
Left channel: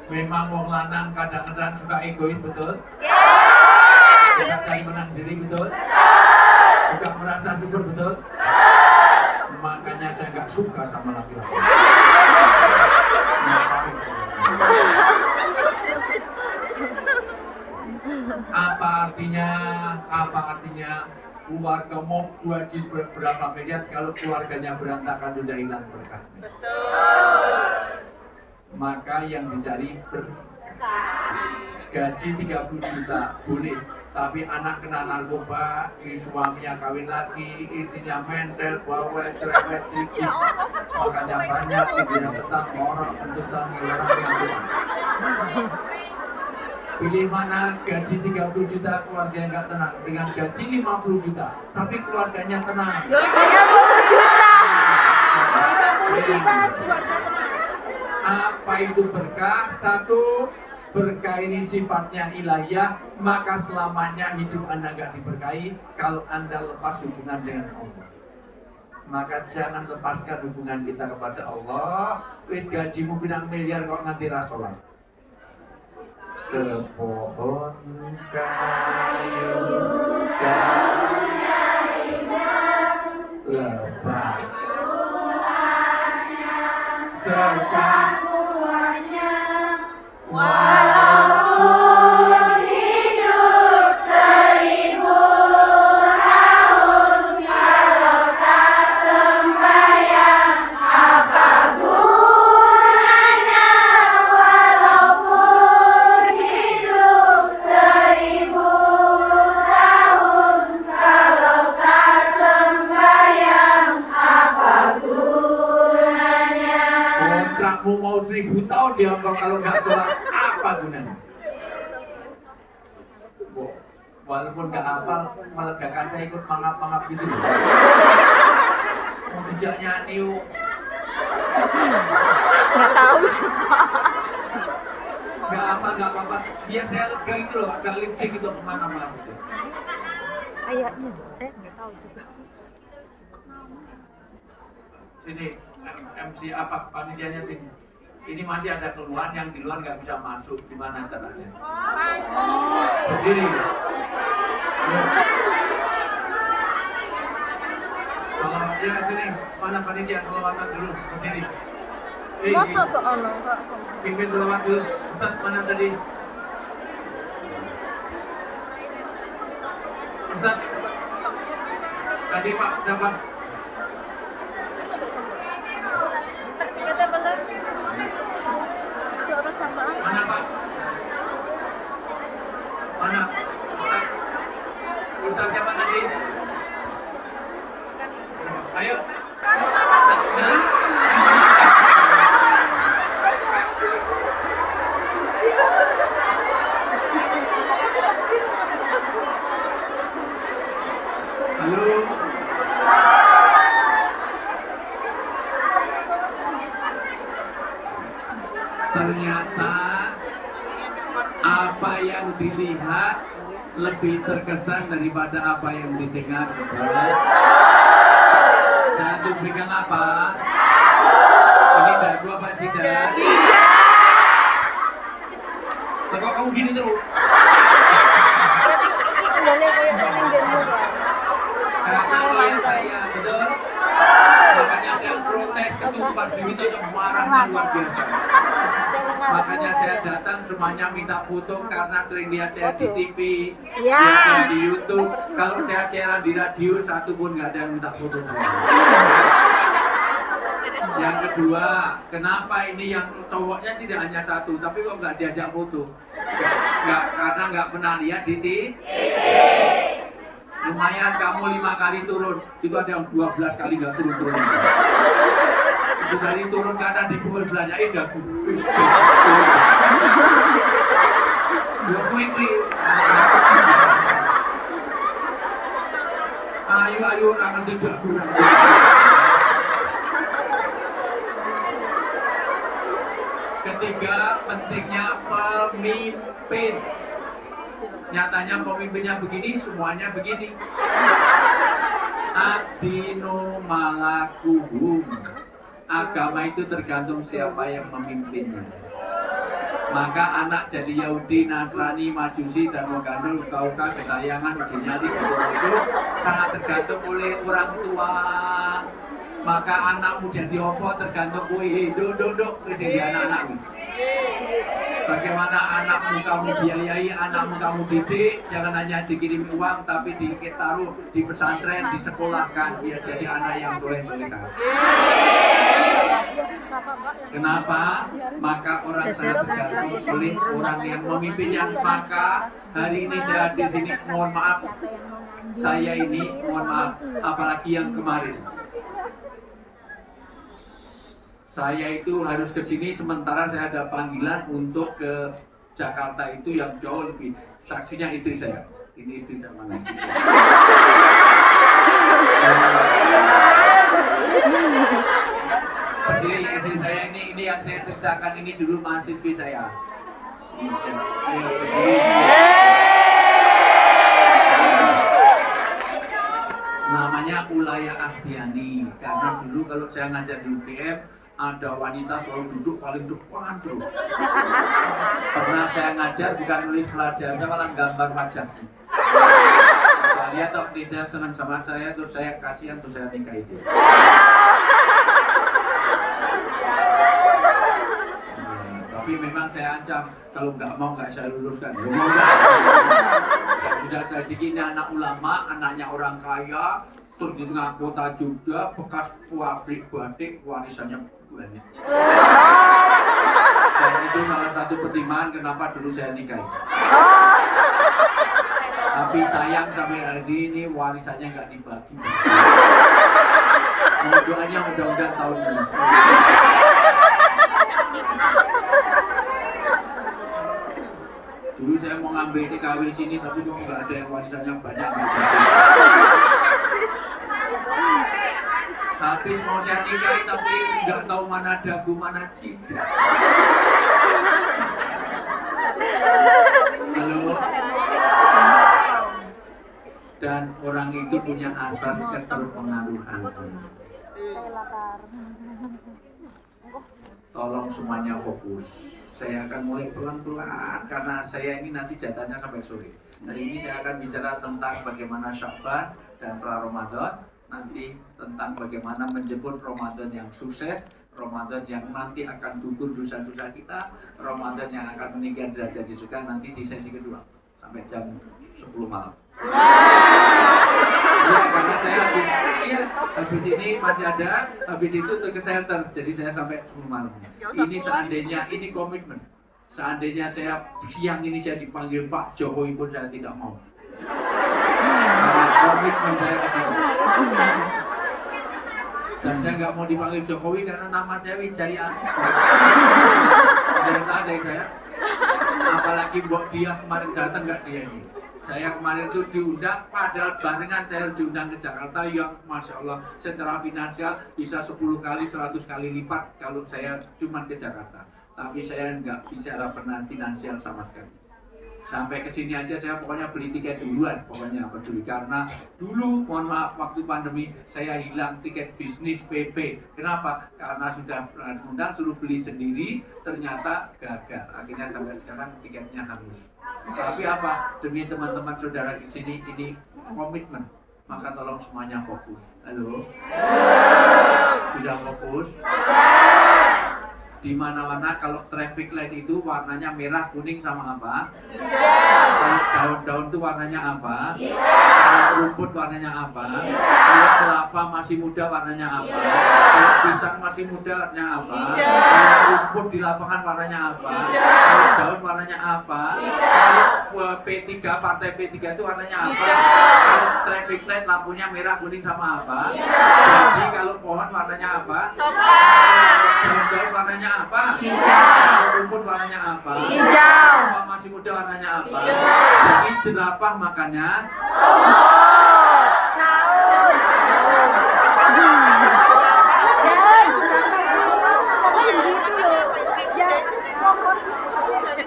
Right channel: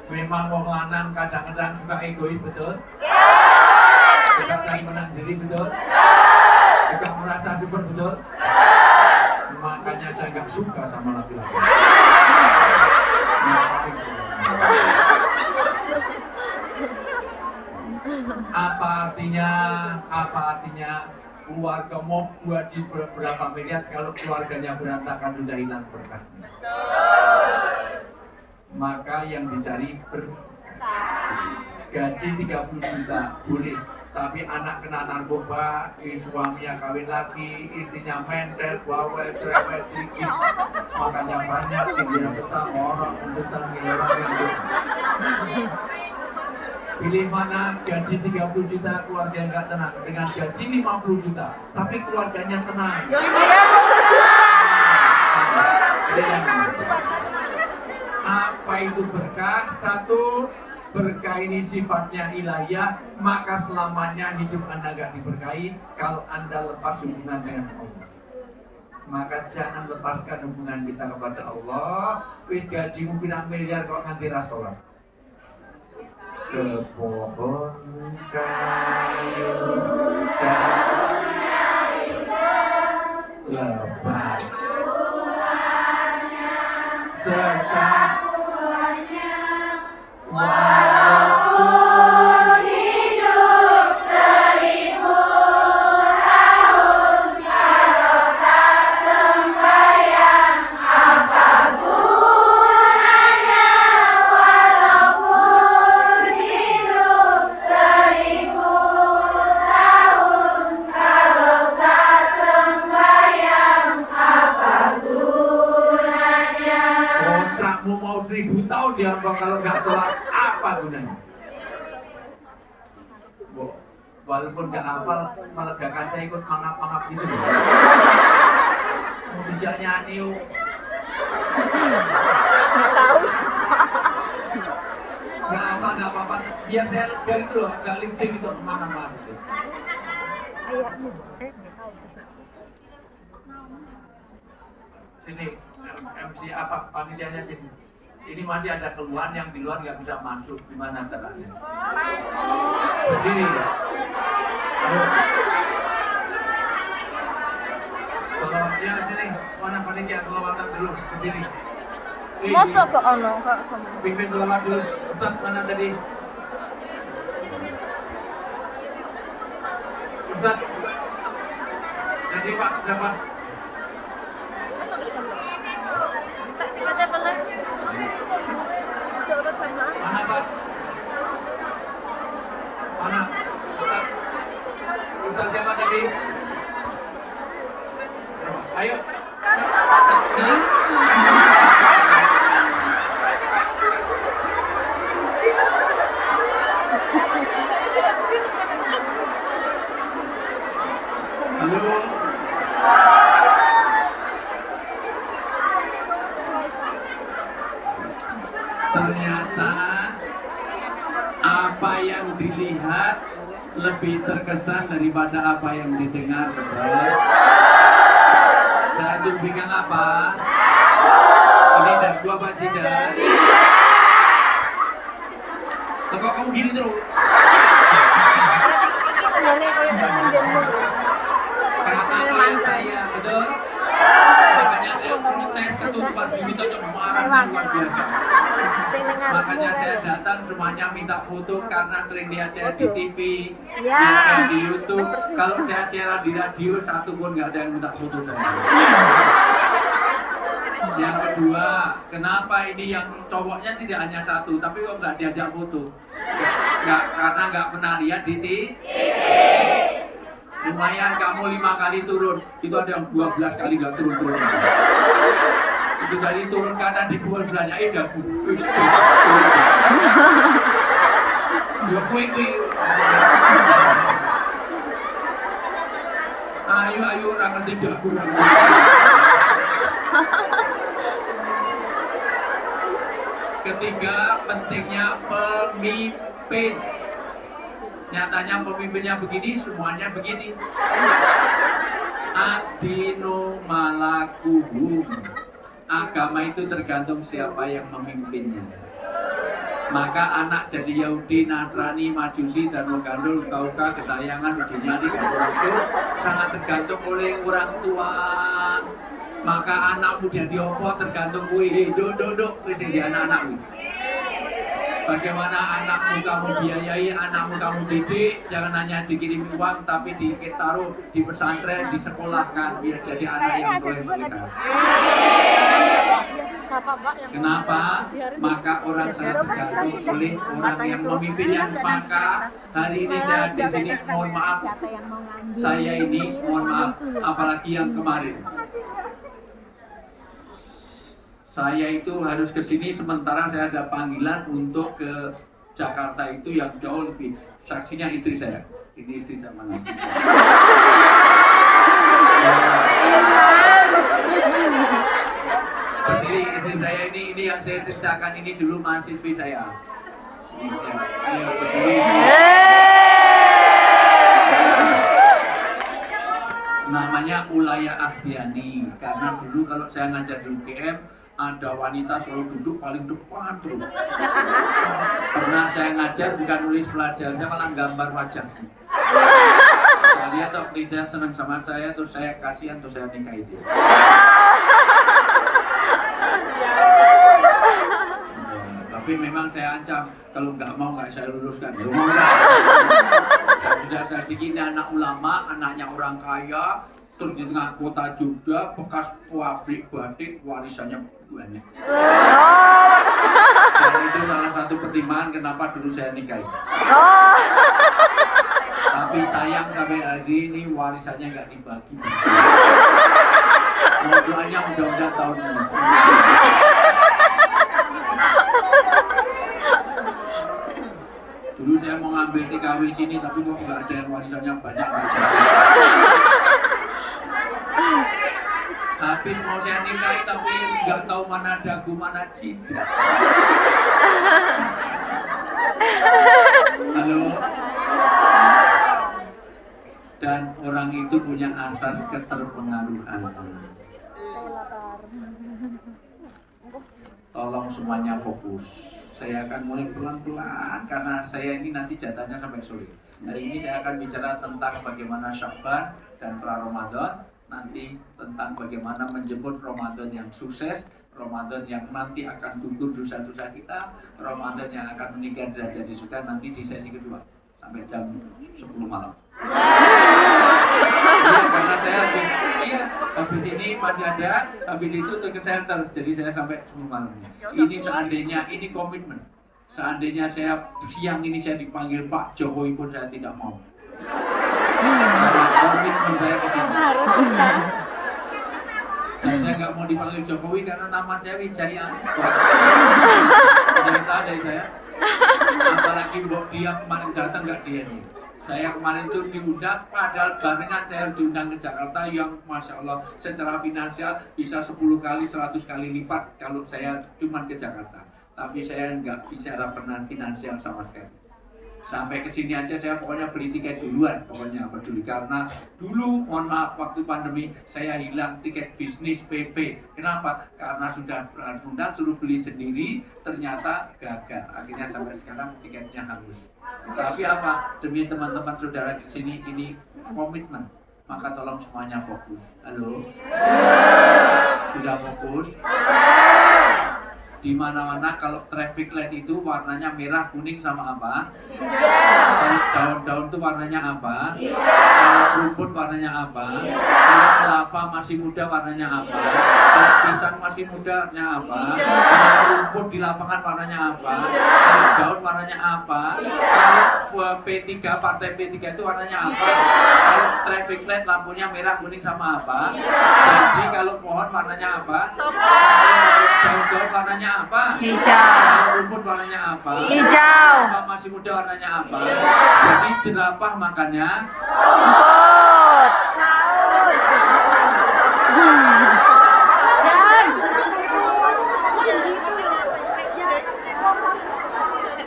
Memang wong lanang kadang-kadang suka egois, betul? Suka cari menang diri, betul? Suka merasa super, betul? Makanya saya nggak suka sama laki-laki. Apa artinya keluarga mau gaji berapa miliar kalau keluarganya berantakan, sudah hilang berkah. Maka yang dicari gaji 30 juta boleh, tapi anak kena narkoba, suaminya kawin lagi, istrinya mentel, bawel, cerewet, cikis, makanya banyak dia petang orang tentang orang yang pilih mana? Gaji 30 juta keluarga nggak tenang, dengan gaji 50 juta tapi keluarganya tenang. 50 juta. Apa itu berkah? Satu, berkah ini sifatnya ilahiyah, maka selamanya hidup Anda nggak diberkahi kalau Anda lepas hubungan dengan Allah. Maka jangan lepaskan hubungan kita kepada Allah. Wis gajimu pirang miliar kok nganti ra salat. Sepohon kayu lebat serta walaupun hidup 1000 tahun, kalau tak sembahyang apa gunanya? Walaupun hidup 1000 tahun, kalau tak sembahyang apa gunanya? Kontrakmu mau 1000 tahun diambang, kalau nggak sholat apa gunanya? Walaupun nggak hafal, melegakan saya ikut mangap-mangap gitu loh. Mau dijak nyanyi Nggak tahu sih, Pak. nggak apa-apa. Biar saya lega gitu loh, agak lipstick gitu kemana-mana gitu. Ayahmu, nggak tahu juga. Sini, MC apa panitianya sini. Ini masih ada keluhan yang di luar nggak bisa masuk. Gimana caranya? Berdiri. Ayo. Salawatnya sini. Mana panitia salawatan dulu? Berdiri. Masa Pak Ano? Pimpin salawat dulu. Ustaz mana tadi? Ustaz. Tadi Pak siapa? Coba sama Mana Pak? Mana? Ustaz. Ustaz siapa tadi? Ayo. Halo. Ternyata apa yang dilihat lebih terkesan daripada apa yang didengar. Saya sumpikan apa? Ini dari gua Pak Cida. Kok kamu gini terus? Karena klien saya, betul? Makanya dia protes, ketua Pak Siwito marah luar biasa. Makanya saya datang semuanya minta foto karena sering lihat saya di TV, Ya. lihat saya di YouTube. Kalau saya siaran di radio, satu pun nggak ada yang minta foto saya. Yang kedua, kenapa ini yang cowoknya tidak hanya satu, tapi kok nggak diajak foto? Nggak, karena nggak pernah lihat di TV. Lumayan kamu 5 kali turun, itu ada yang 12 kali nggak turun-turun. Itu dari turun kanan dipukul belanja, dagu. Kui. Ayo, orang ngerti dagu. Ketiga, pentingnya pemimpin. Nyatanya pemimpinnya begini, semuanya begini. Adinu malakuhum. Agama itu tergantung siapa yang memimpinnya. Maka anak jadi Yahudi, Nasrani, Majusi, dan Gandul, Kauka, Getayangan, Udinyati, itu sangat tergantung oleh orang tua. Maka anakmu jadi apa tergantung kue. Duduk, jadi anak-anak. Bagaimana anakmu kamu biayai, anakmu kamu didik, jangan hanya dikirim uang, tapi ditaruh di pesantren, disekolahkan, biar jadi anak yang soleh-solehah. Kenapa? Maka orang sangat tergantung oleh orang yang memimpinnya. Maka hari ini saya di sini, mohon maaf, saya ini mohon maaf, apalagi yang kemarin. Saya itu harus ke sini sementara saya ada panggilan untuk ke Jakarta itu yang jauh lebih. Saksinya istri saya. Ini istri saya, mana istri saya? Berdiri istri saya ini yang saya ceritakan ini dulu mahasiswi saya. Ini berdiri. Namanya Ulaya Ahdiani. Karena dulu kalau saya ngajar di UGM ada wanita selalu duduk paling depan terus. Pernah saya ngajar bukan nulis pelajaran, saya malah gambar wajahnya. Saya lihat kok tidak senang sama saya, terus saya kasihan, terus saya nikahi dia. Tapi memang saya ancam, kalau nggak mau nggak saya luluskan. Sudah saya bikin anak ulama, anaknya orang kaya, terus di tengah kota juga, bekas pabrik batik, warisannya banyak. Dan itu salah satu pertimbangan kenapa dulu saya nikahi. Tapi sayang sampai hari ini warisannya nggak dibagi. Doanya mudah-mudahan tahun ini. Dulu saya mau ngambil TKW sini, tapi kok nggak ada yang warisannya banyak, nggak jadi. Habis mau saya nikahi tapi nggak tahu mana dagu mana cinta. Halo. Dan orang itu punya asas keterpengaruhan. Tolong semuanya fokus. Saya akan mulai pelan-pelan karena saya ini nanti jatahnya sampai sore. Hari ini saya akan bicara tentang bagaimana Sya'ban dan pra Ramadan. Nanti tentang bagaimana menjemput Ramadan yang sukses, Ramadan yang nanti akan gugur dosa-dosa kita, Ramadan yang akan meningkat derajat di surga nanti di sesi kedua sampai jam 10 malam. Karena saya habis ini masih ada, habis itu ke center, jadi saya sampai 10 malam. Ini seandainya, ini komitmen. Seandainya saya siang ini saya dipanggil Pak Jokowi pun saya tidak mau. Komitmen saya ke sini. Dan saya nggak mau dipanggil Jokowi karena nama saya Wijaya. Dari saya. Apalagi Mbok Dia kemarin datang nggak dia ini. Saya kemarin itu diundang, padahal barengan saya diundang ke Jakarta yang Masya Allah secara finansial bisa 10 kali, 100 kali lipat kalau saya cuma ke Jakarta. Tapi saya nggak bicara finansial sama sekali. Sampai ke sini aja saya pokoknya beli tiket duluan, pokoknya peduli karena dulu mohon maaf waktu pandemi saya hilang tiket bisnis PP. Kenapa? Karena sudah undang suruh beli sendiri, ternyata gagal. Akhirnya sampai sekarang tiketnya hangus. Tapi apa? Demi teman-teman saudara di sini ini komitmen. Maka tolong semuanya fokus. Halo? Sudah fokus? Di mana-mana kalau traffic light itu warnanya merah, kuning sama apa? Hijau. Kalau daun-daun itu warnanya apa? Kalau rumput warnanya apa? Kalau kelapa masih muda warnanya apa? Kalau pisang masih muda warnanya apa? Kalau rumput di lapangan warnanya apa? Kalau daun warnanya apa? Kalau P3, partai P3 itu warnanya apa? Kalau traffic light lampunya merah, kuning sama apa? Jadi kalau pohon warnanya apa? Daun-daun warnanya apa? Hijau. Rumput warnanya apa? Hijau. Kalau masih muda warnanya apa? Jadi jerapah makannya Rumput.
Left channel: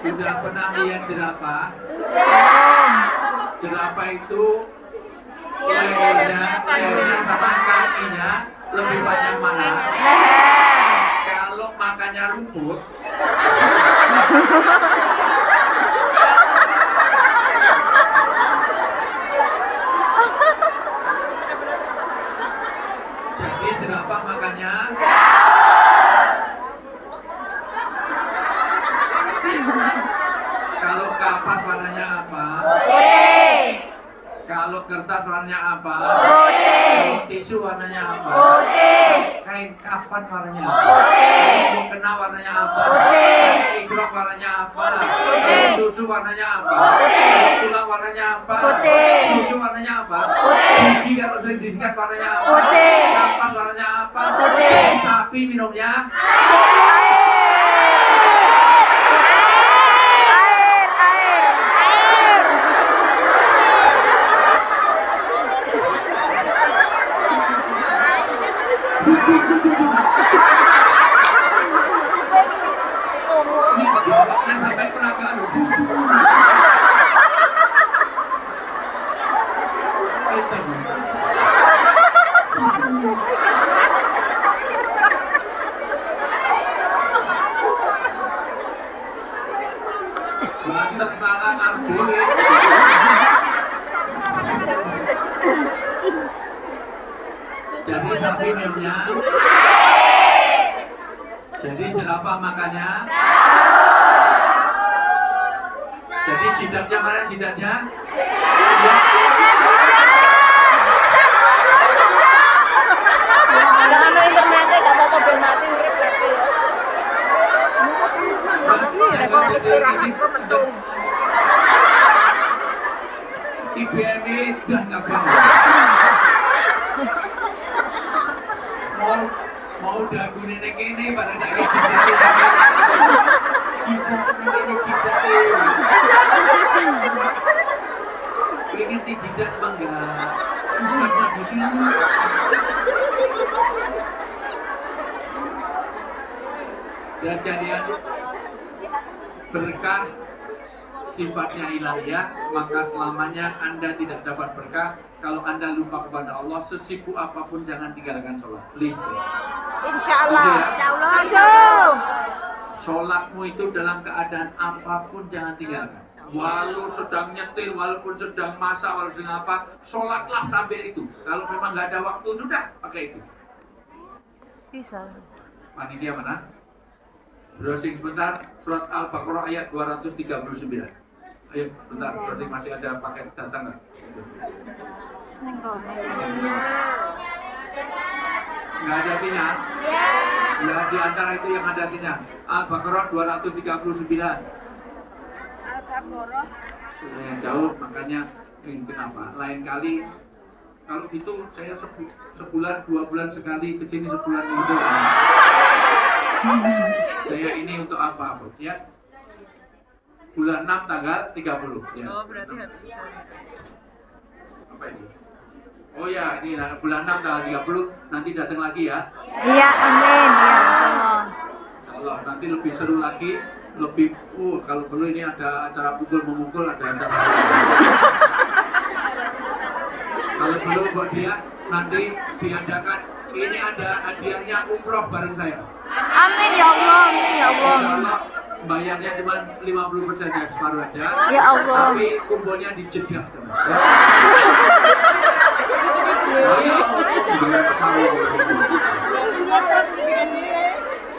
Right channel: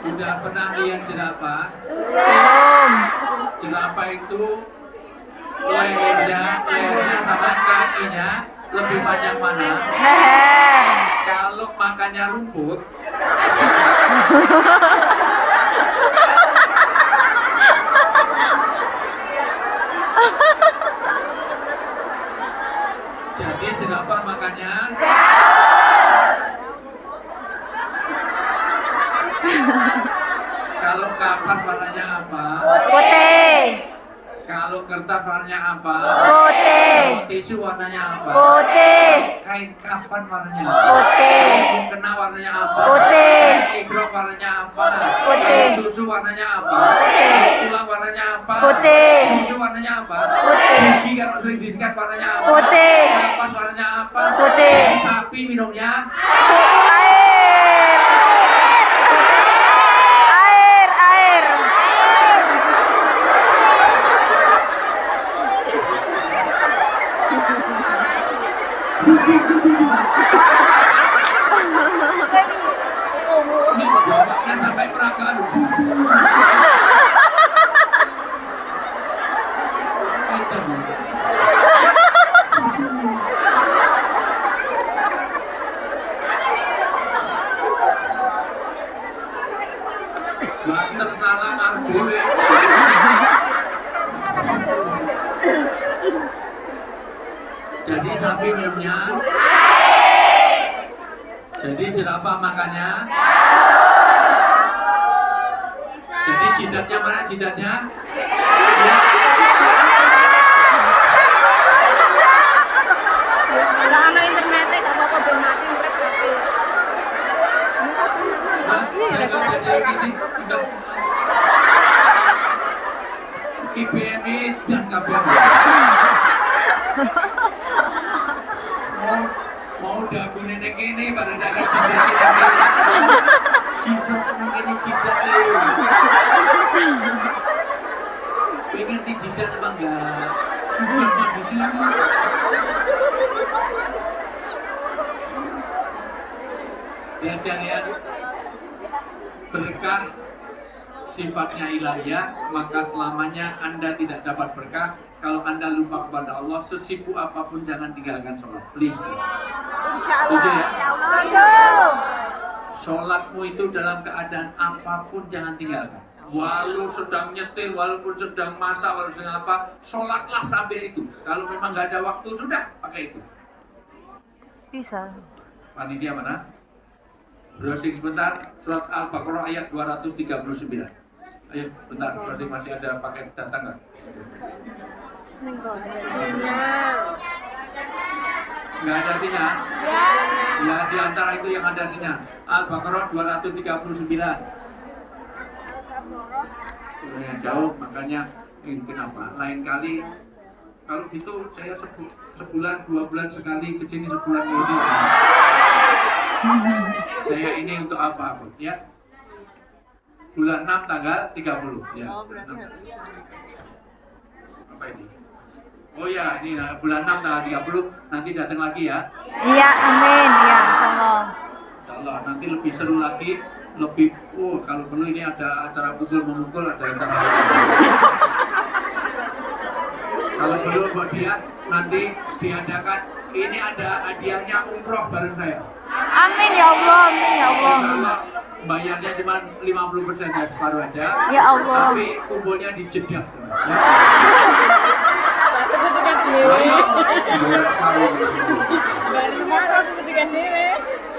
sudah pernah lihat jerapah? Belum. Jerapah itu lehernya sama kakinya lebih banyak mana? Leher. Kalau makannya rumput, jadi jerapah makannya kalau kapas warnanya apa? Putih. Kalau kertas warnanya apa? Putih. Kalau tisu warnanya apa? Putih. Kain kafan warnanya apa? Putih. Mukena warnanya apa? Putih. Ikrok warnanya apa? Putih. Susu warnanya apa? Tulang warnanya apa? Putih. Susu warnanya apa? Putih. Gigi kalau sering disikat warnanya apa? Putih. Kapas warnanya apa? Putih. Sapi minumnya? Air. Susu. Susu. Ini jawabnya sampai peragaan susu. Itu. Banter salah ngambil. Jadi sapi minumnya. Jadi jerapah makannya. Jadi jidatnya mana jidatnya? Jangan main internetnya, gak apa-apa belum mati. Jadi isi udah. IBM dan kabel. Mau dagu nenek ini pada dagu jidat ini. Jidat nenek ini jidat ini. Pengen di jidat apa enggak? Jidatnya di sini. Jelas sekalian, berkah sifatnya ilahiyah, maka selamanya Anda tidak dapat berkah kalau Anda lupa kepada Allah. Sesibuk apapun jangan tinggalkan sholat. Please. Setuju ya? Sholatmu itu dalam keadaan apapun jangan tinggalkan. Walau sedang nyetir, walaupun sedang masak, walaupun sedang apa, sholatlah sambil itu. Kalau memang nggak ada waktu, sudah pakai itu. Bisa. Panitia mana? Browsing sebentar, surat Al-Baqarah ayat 239. Ayo sebentar, browsing masih ada paket data nggak? Nggak ada sinyal? Ya, di antara itu yang ada sinyal. Al-Baqarah 239. Yang jauh, makanya ini kenapa? Lain kali, kalau gitu saya sebulan, 2 bulan sekali ke sini, sebulan itu. Saya ini untuk apa, Bu? Ya? Bulan 6 tanggal 30 ya. Apa ini? Oh ya, ini bulan 6 tanggal 30 nanti datang lagi ya. Iya, amin. Iya, insyaallah. Insyaallah nanti lebih seru lagi, lebih kalau dulu ini ada acara pukul-memukul, ada acara. Kalau dulu buat dia nanti diadakan ini ada hadiahnya umroh bareng saya. Amin ya Allah, amin ya Allah. Insyaallah bayarnya cuma 50% ya, separuh aja. Ya Allah. Tapi kumpulnya di Jeddah.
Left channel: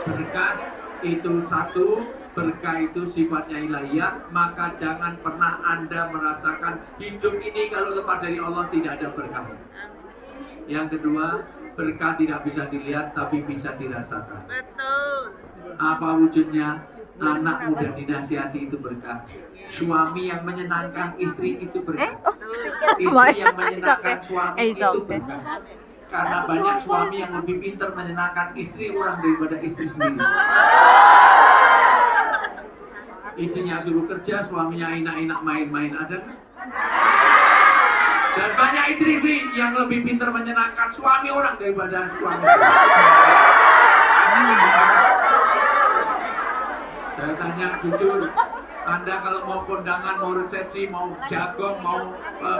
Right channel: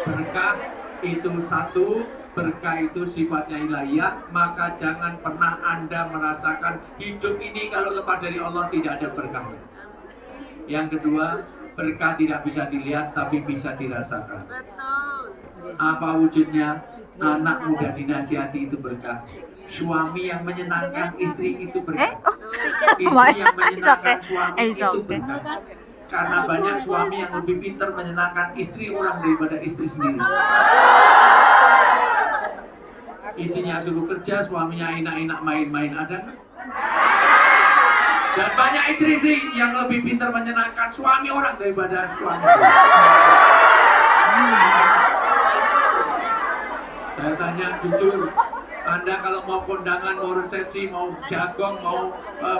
Berkah Itu satu, berkah itu sifatnya ilahiyah, maka jangan pernah Anda merasakan hidup ini kalau lepas dari Allah tidak ada berkahnya. Yang kedua, berkah tidak bisa dilihat tapi bisa dirasakan. Apa wujudnya? Anak muda dinasihati itu berkah. Suami yang menyenangkan istri itu berkah. Istri yang menyenangkan suami itu berkah. Karena banyak suami yang lebih pintar menyenangkan istri orang daripada istri sendiri. Istrinya suruh kerja, suaminya enak-enak main-main, ada nggak? Dan banyak istri-istri yang lebih pintar menyenangkan suami orang daripada suami. Saya tanya jujur, Anda kalau mau kondangan, mau resepsi, mau jagong, mau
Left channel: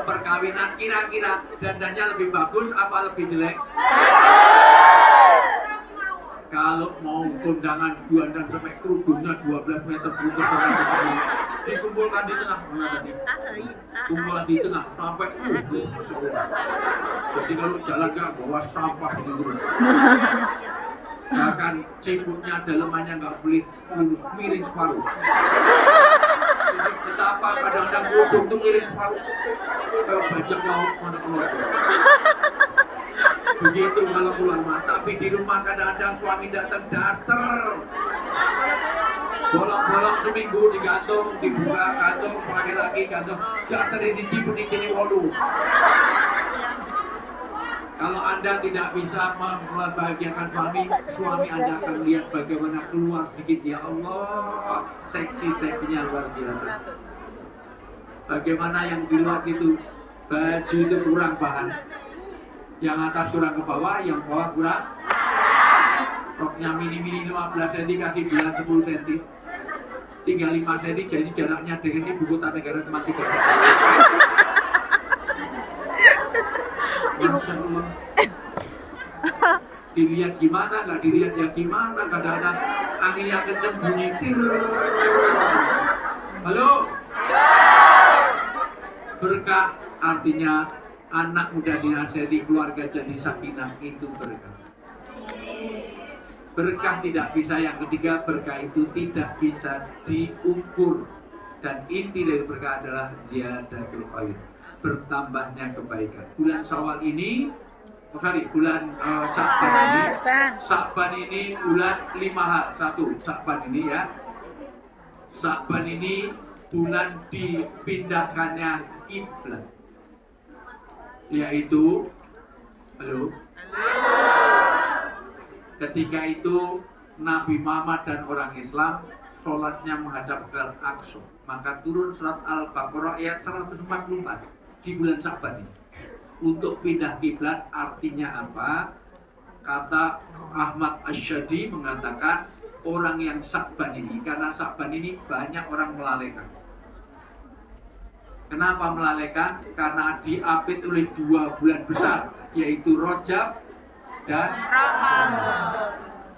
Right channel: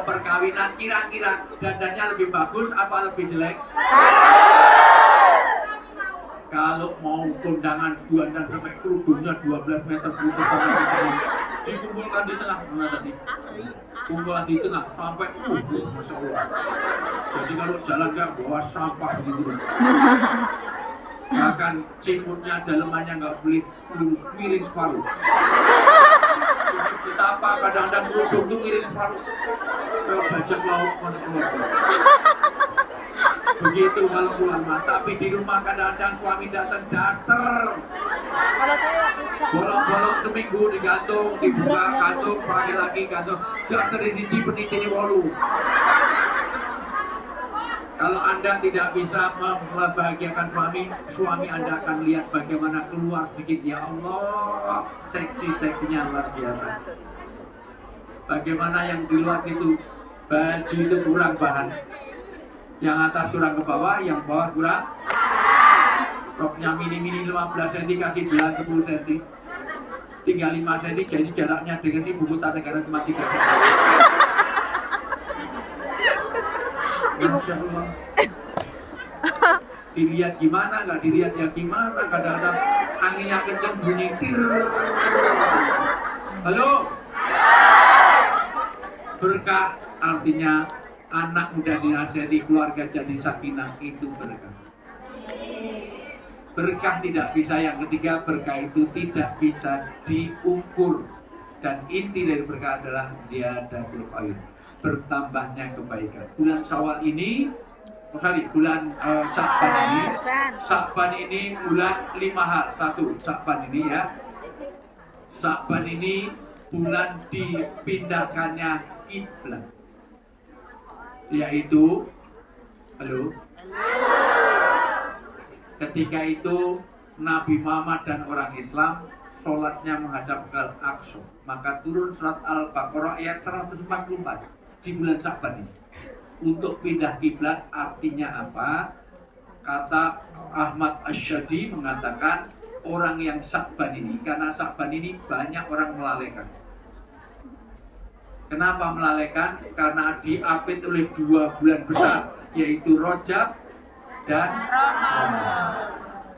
perkawinan, kira-kira dandannya lebih bagus apa lebih jelek? Kalau mau kondangan dandan sampai kerudungnya 12 meter putus sampai dikumpulkan di tengah, mana tadi? Kumpulan di tengah sampai Masya Allah. Jadi kalau jalan kan bawa sampah gitu. Bahkan ciputnya dalemannya nggak boleh lurus, miring separuh. Betapa kadang-kadang kerudung tuh miring separuh. Kayak bajak laut mana keluar. Begitu kalau pulang mah, tapi di rumah kadang-kadang suami datang daster. Bolong-bolong seminggu digantung, dibuka gantung, pagi lagi gantung. Daster di siji penitini wolu. Kalau Anda tidak bisa membahagiakan suami Anda akan lihat bagaimana keluar sedikit, ya Allah, seksi-seksinya luar biasa. Bagaimana yang di luar situ, baju itu kurang bahan. Yang atas kurang ke bawah, yang bawah kurang. Roknya mini-mini 15 cm, kasih belah 10 cm. Tinggal 5 cm, jadi jaraknya dengan ini buku tata negara cuma 3 cm. Masya Allah. Dilihat gimana, nggak dilihat ya gimana. Kadang-kadang anginnya kenceng, bunyi tir. Halo? Berkah artinya anak muda dinasihati, keluarga jadi sakinah, itu berkah. Berkah tidak bisa, yang ketiga, berkah itu tidak bisa diukur. Dan inti dari berkah adalah ziyadatul khair, bertambahnya kebaikan. Bulan Syawal ini, bulan Sya'ban ini bulan 5 hal. Satu, Sya'ban ini ya. Sya'ban ini bulan dipindahkannya kiblat. Yaitu, halo? Ketika itu Nabi Muhammad dan orang Islam sholatnya menghadap ke Aqsa, maka turun surat Al-Baqarah ayat 144 di bulan Sya'ban ini. Untuk pindah kiblat artinya apa? Kata Ahmad Asyadi mengatakan orang yang Sya'ban ini, karena Sya'ban ini banyak orang melalaikan. Kenapa melalaikan? Karena diapit oleh 2 bulan besar, yaitu Rajab dan Ramadan.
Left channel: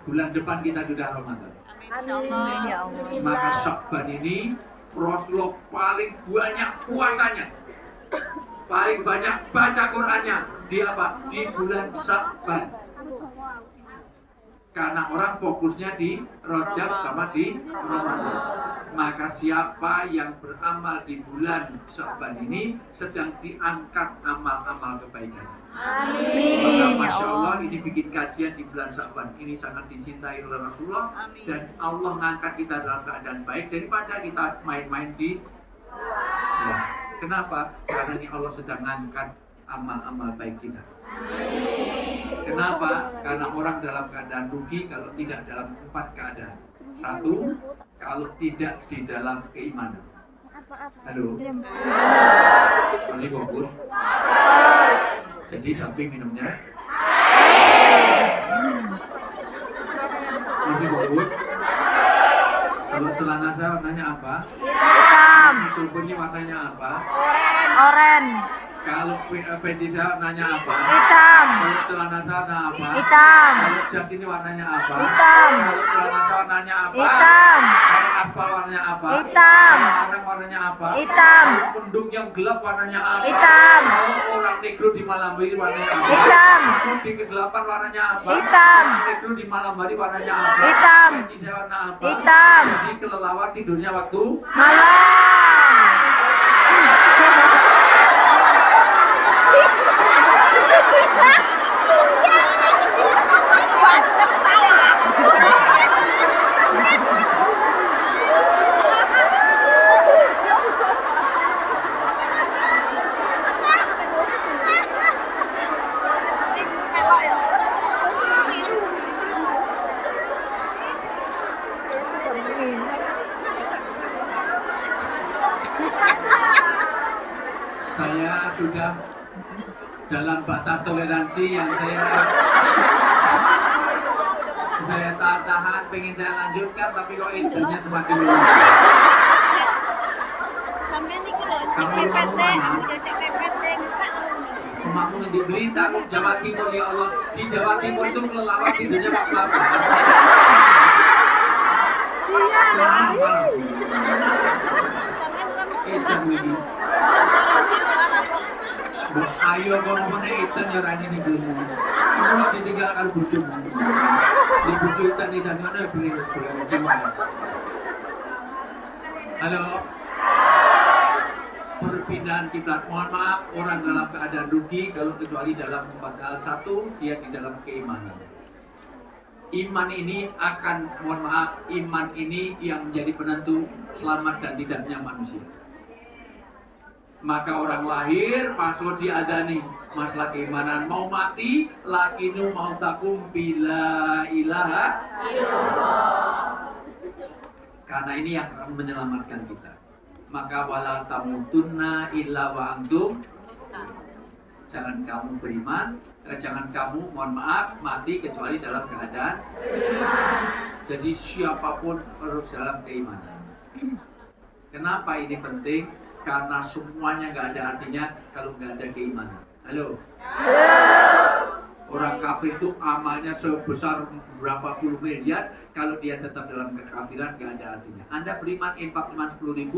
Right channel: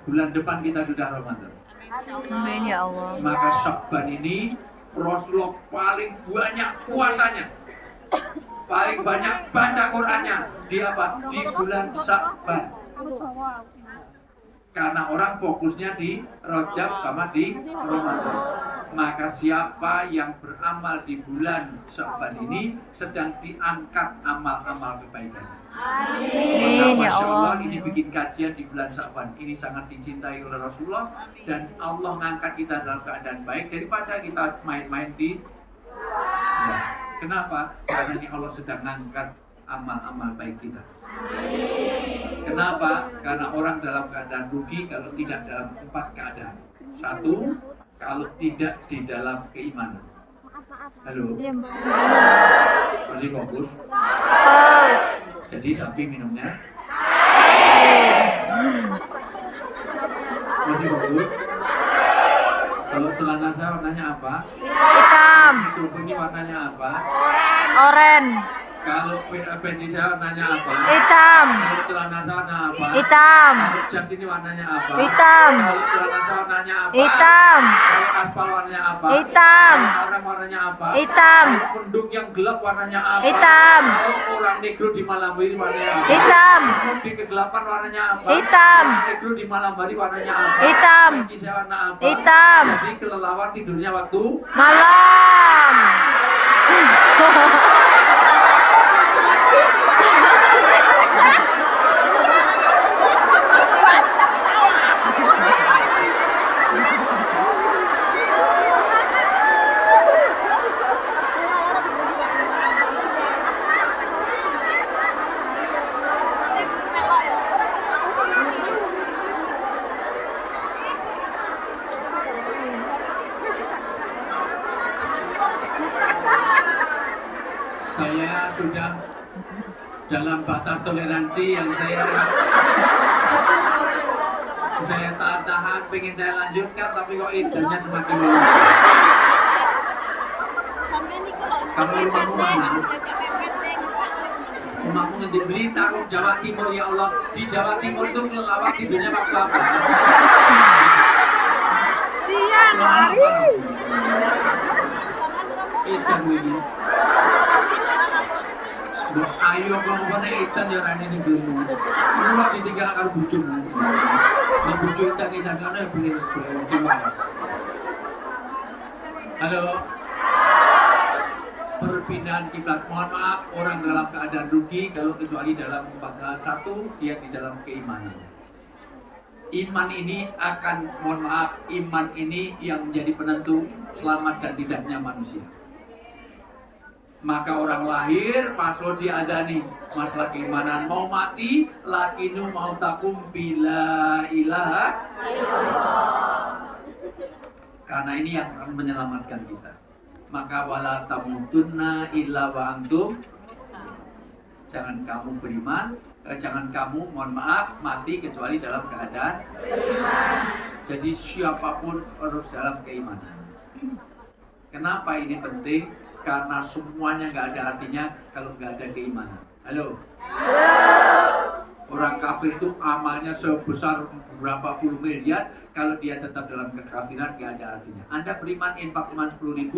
Bulan depan kita sudah Ramadan. Amin ya Allah. Maka Sya'ban ini Rasulullah paling banyak puasanya, paling banyak baca Qur'annya di apa? Di bulan Sya'ban. Karena orang fokusnya di Rajab sama di Ramadan. Maka siapa yang beramal di bulan Sya'ban ini sedang diangkat amal-amal kebaikan. Amin ya Masya Allah, Allah. ini bikin kajian di bulan Sya'ban. Ini sangat dicintai oleh Rasulullah. Dan Allah mengangkat kita dalam keadaan baik daripada kita main-main di ya. Kenapa? Karena ini Allah sedang mengangkat amal-amal baik kita. Kenapa? Karena orang dalam keadaan rugi kalau tidak dalam 4 keadaan. 1, kalau tidak di dalam keimanan. Halo? Masih fokus? Terus. Jadi sapi minumnya? Masih fokus? Kalau celana saya warnanya apa? Hitam. Mikrofon ini warnanya apa? Oren. Kalau peci saya warnanya apa? Hitam. Kalau celana saya warna apa? Hitam. Kalau jas ini warnanya apa? Hitam. Kalau celana saya warnanya apa? Hitam. Kalau aspal warnanya apa? Hitam. Kalau arang warnanya apa? Hitam. Kalau mendung yang gelap warnanya apa? Hitam. Kalau orang negro di malam hari warnanya apa? Hitam. Kalau di kegelapan warnanya apa? Hitam. Negro di malam hari warnanya apa? Hitam. Peci saya warna apa? Hitam. Jadi kelelawar tidurnya waktu Malam. saya sudah dalam batas toleransi yang saya tahan, pengen saya lanjutkan tapi kok idenya semakin luas. Sampai nih kalau Kamu CPT, rumah aku CPT ngesak. Rumahmu ngendi Blitar, Jawa Timur ya Allah. Di Jawa Timur itu kelelawar tidurnya waktu apa? Siang. Itu ini. Ayo ngomongnya ikan ya rani nih dulu. Kalau ditinggal kalau bujuk. Di bujuk ikan ada beli cimas. Halo. Perpindahan kiblat. Mohon maaf, orang dalam keadaan rugi kalau kecuali dalam 4 hal. 1, dia di dalam keimanan. Iman ini akan, mohon maaf, iman ini yang menjadi penentu selamat dan tidaknya manusia. Maka orang lahir pasal diadani masalah keimanan, mau mati lakinu mau takum bila ilaha karena ini yang akan menyelamatkan kita. Maka wala tamutunna illa wa antum, jangan kamu beriman, jangan kamu, mohon maaf, mati kecuali dalam keadaan beriman. Jadi siapapun harus dalam keimanan. Kenapa ini penting? Karena semuanya nggak ada artinya kalau nggak ada keimanan. Halo? Orang kafir itu amalnya sebesar berapa puluh miliar, kalau dia tetap dalam kekafiran nggak ada artinya. Anda beriman, infak iman 10.000,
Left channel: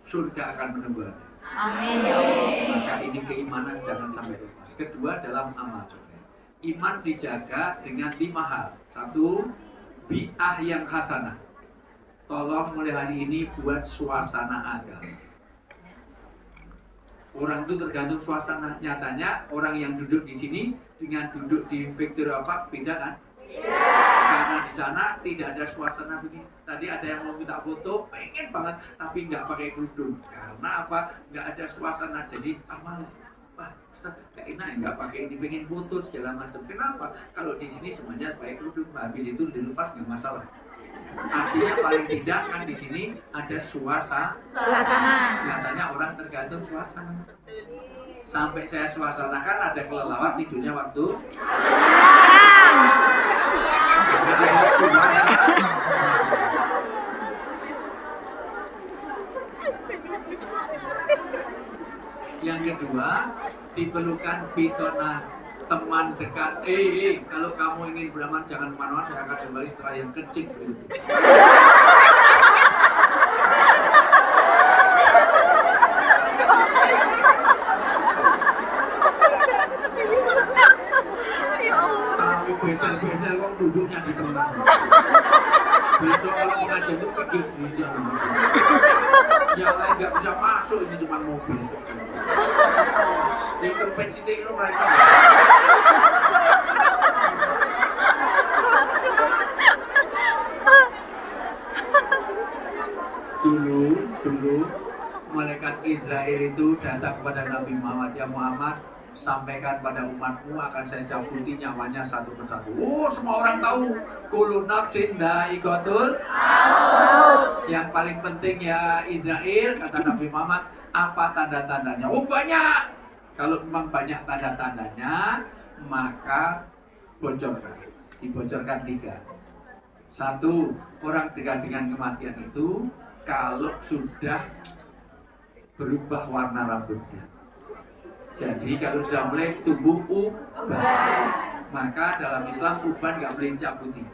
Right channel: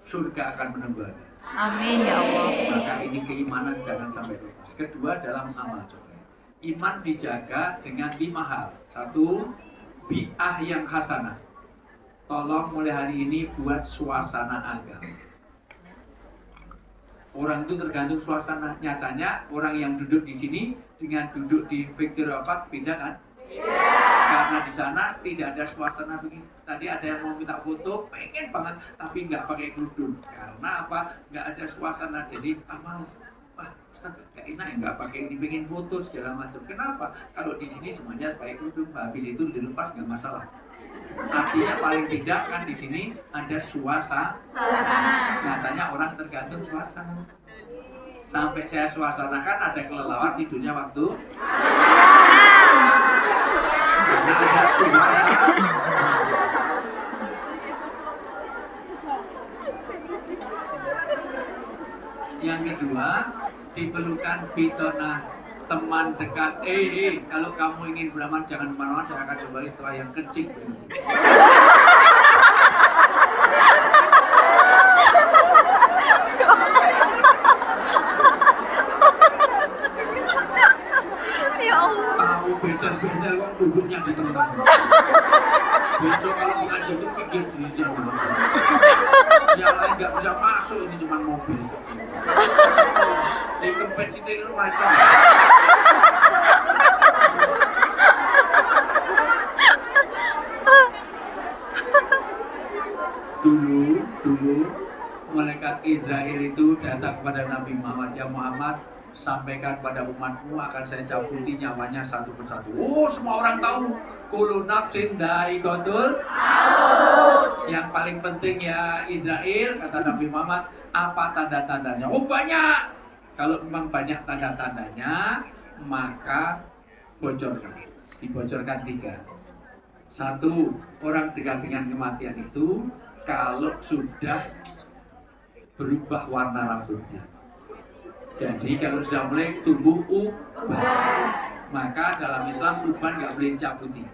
surga akan menunggu Anda. Amin ya Allah. Maka ini keimanan jangan sampai lepas. Kedua, dalam amal soleh. Iman dijaga dengan 5 hal. 1, bi'ah yang hasanah. Tolong mulai hari ini buat suasana agama. Orang itu tergantung suasana. Nyatanya orang yang duduk di sini dengan duduk di Victoria Park beda kan? Karena di sana tidak ada suasana begini. Tadi ada yang mau minta foto, pengen banget, tapi nggak pakai kerudung. Karena apa? Nggak ada suasana. Jadi males. Wah, Ustaz, gak enak nggak pakai ini, pengen foto segala macam. Kenapa? Kalau di sini semuanya pakai kerudung. Habis itu dilepas nggak masalah. Artinya paling tidak kan di sini ada suasana. Nyatanya orang tergantung suasana. Sampai saya suasanakan ada kelelawar tidurnya waktu nggak ada suasana. Yang kedua, diperlukan bitona, teman dekat. Kalau kamu ingin beramal jangan kemana-mana, saya akan kembali setelah yang kencing berikut. Tahu beser-beser kok duduknya di tengah. Besok kalau mengajar itu pikir sisi. Yang lain nggak bisa masuk, ini cuma mobil saja. Di kempet situ itu merasa. Dulu malaikat Israel itu datang kepada Nabi Muhammad, ya Muhammad, sampaikan pada umatmu akan saya cabuti nyawanya satu persatu. Oh, semua orang tahu. Kullu nafsin dha'iqatul maut. Yang paling penting ya Israel, kata Nabi Muhammad, apa tanda-tandanya? Oh, banyak. Kalau memang banyak tanda-tandanya, maka bocorkan. Dibocorkan 3. 1, orang dengan kematian itu kalau sudah berubah warna rambutnya. Jadi kalau sudah mulai tumbuh uban, maka dalam Islam uban nggak boleh dicabuti.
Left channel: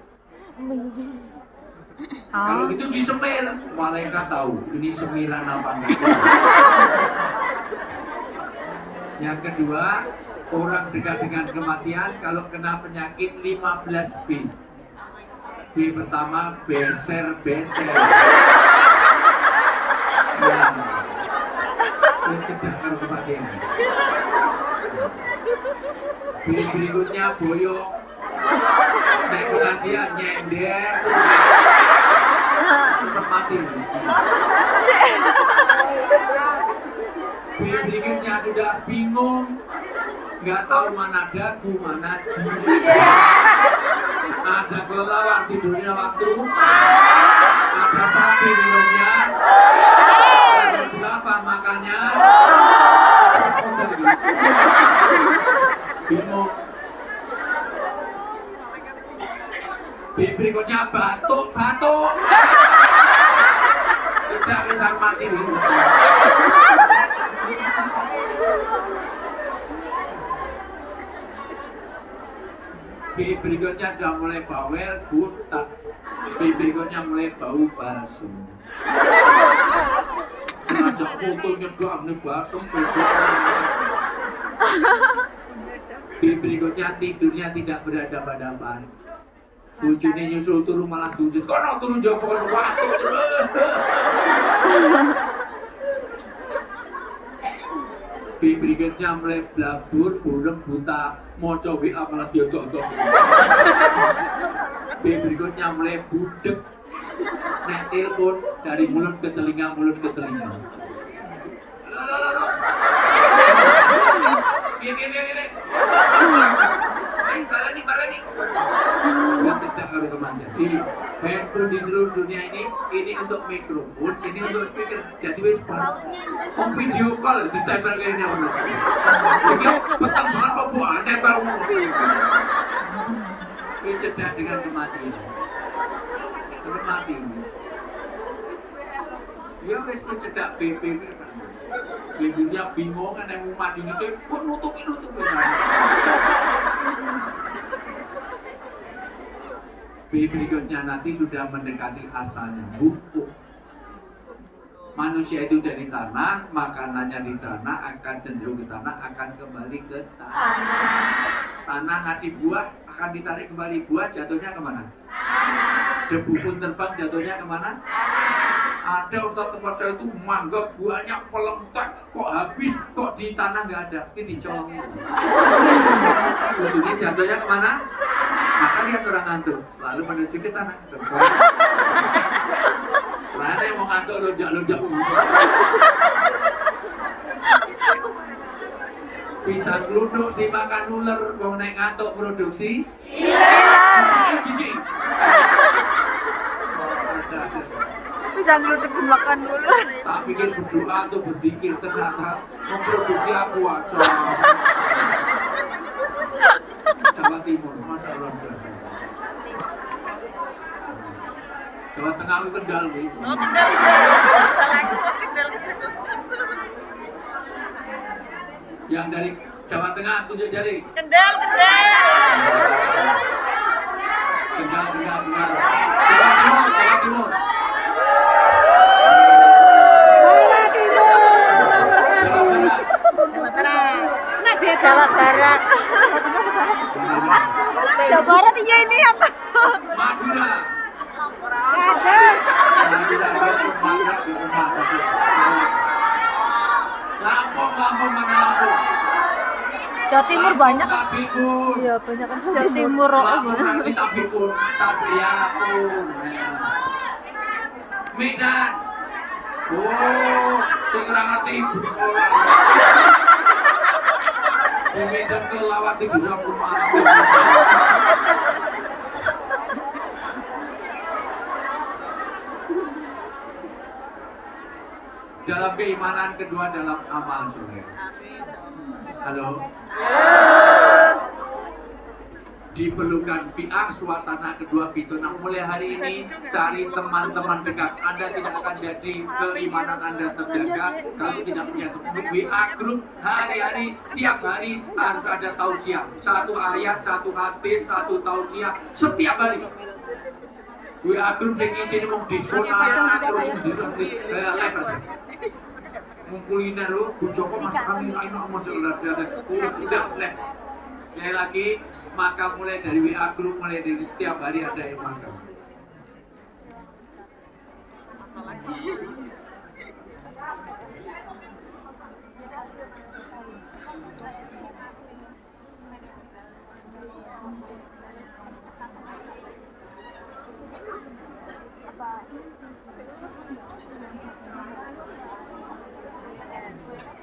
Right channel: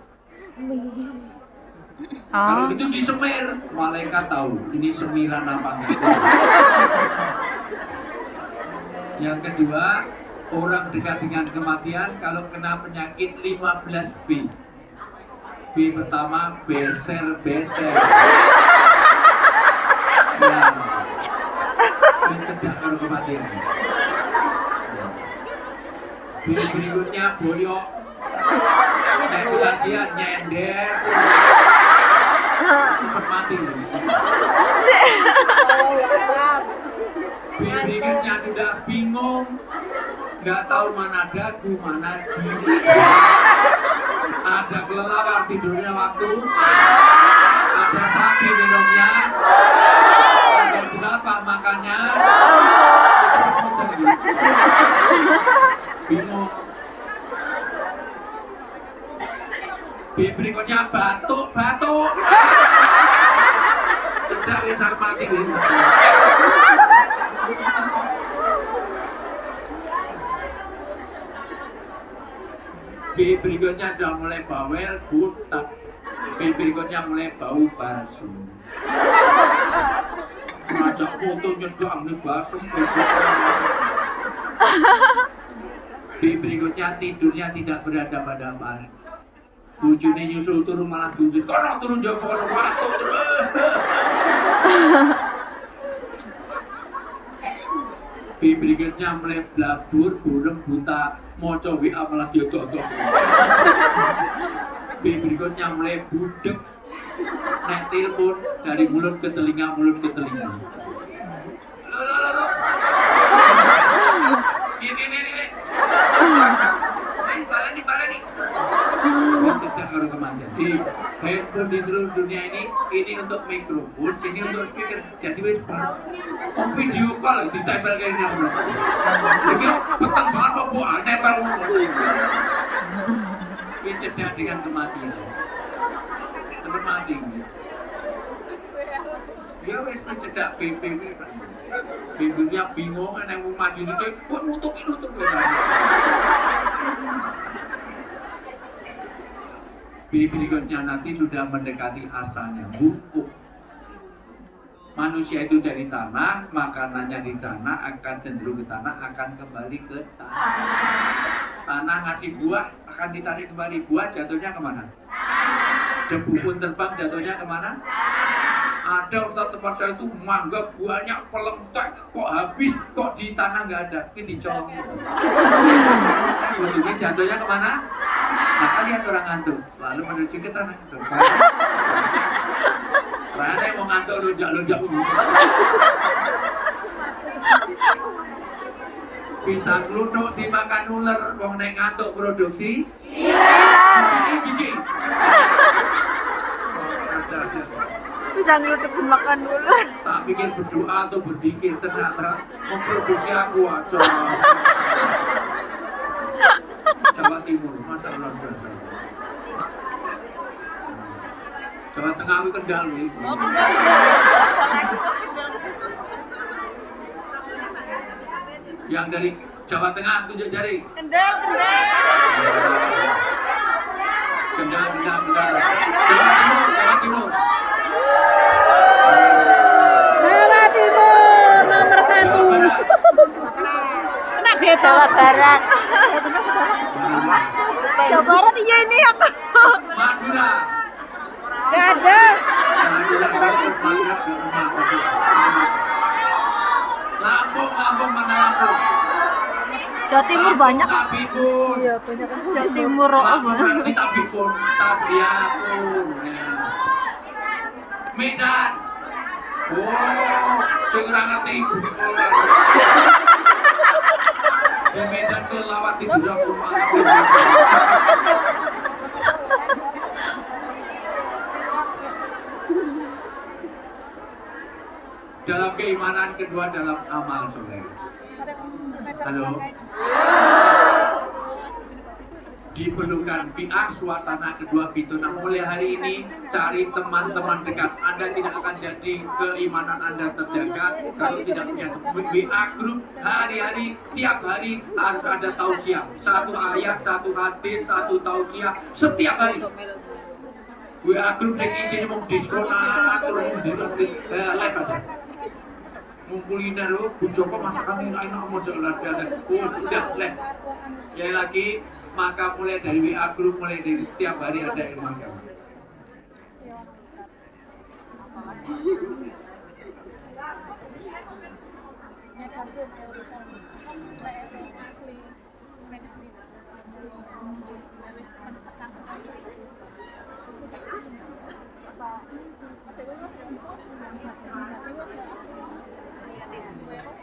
Kalau Oh. itu disemir, malaikat tahu ini semiran apa enggak. Yang kedua, orang dekat dengan kematian kalau kena penyakit 15B. B pertama beser-beser. Ya, mencegah kalau kematian. B berikutnya boyok. Naik pengajian nyender. Cepat mati. B berikutnya sudah bingung, nggak tahu mana dagu, mana jiwa. Ada kelelawar tidurnya waktu, ada sapi minumnya, ada jerapah makannya. Bingung. B berikutnya batuk. Cedak bisa mati nih. B berikutnya sudah mulai bawel, butak. B berikutnya mulai bau basum. Ngajak foto nyedok nih basum. B berikutnya tidurnya tidak berhadapan-hadapan. Bujune nyusul turu malah busit. Kono turun jopo kono waktu terus. B berikutnya mulai blabur, burung buta, moco WA malah diodok-odok. B berikutnya mulai budek, nek telepon dari mulut ke telinga. Piye. Baleni. Cedak karo kematian. Handphone di seluruh dunia ini untuk mikrofon, sini untuk speaker. Jadi wis pas video call ditempel kayak ini. Iki petang banget kok Bu, nempel. Wis cedak dengan kematian. Terus mati. Ya wis cedak BBB. BBB-nya bingung kan yang mau maju itu, kok nutup. B berikutnya nanti sudah mendekati asalnya, hukum. Manusia itu dari tanah, makanannya di tanah, akan cenderung ke tanah, akan kembali ke tanah. Tanah ngasih buah, akan ditarik kembali. Buah jatuhnya kemana? Debu pun terbang, jatuhnya kemana? Ada Ustaz tempat saya itu mangga buahnya pelentek, kok habis, kok di tanah nggak ada, ini dicolong. Ini jatuhnya kemana? Maka lihat orang ngantuk, selalu menuju ke tanah. Karena yang mau ngantuk lonjak-lonjak bisa geluduk dimakan ular, mau naik ngantuk produksi jijik. Bisa ngeluduk makan dulu. Tak pikir berdoa atau berzikir, ternyata memproduksi aku aja. Jawa Timur, masa luar biasa. Jawa Tengah itu Kendal nih. Yang dari Jawa Tengah tunjuk jari. Kendal. Kendal. Jawa Timur. Nomor 1. Jawa Barat. Jawa Barat iya ini aku. Madura. Gak ada. Lampung mana Lampung? Jawa Timur banyak. Tabipun. Iya banyak kan. Jawa Timur apa? Tabipun. Medan. Oh, sing ora ngerti ibu. Di Medan kelelawar tidur aku mana. Dalam keimanan, kedua dalam amal soleh. Halo. diperlukan biar suasana kedua pintu. Nah, mulai hari ini cari teman-teman dekat. Anda tidak akan jadi keimanan Anda terjaga kalau tidak punya WA group. Hari-hari, tiap hari harus ada tausiah. Satu ayat, satu hadis, satu tausiah setiap hari. WA group yang isinya mau diskon, terus live aja. Mau kuliner lo, Bu Joko masakan enak mau sebelah sudah live. Sekali lagi, maka mulai dari WA group, mulai dari setiap hari ada ilmu agama.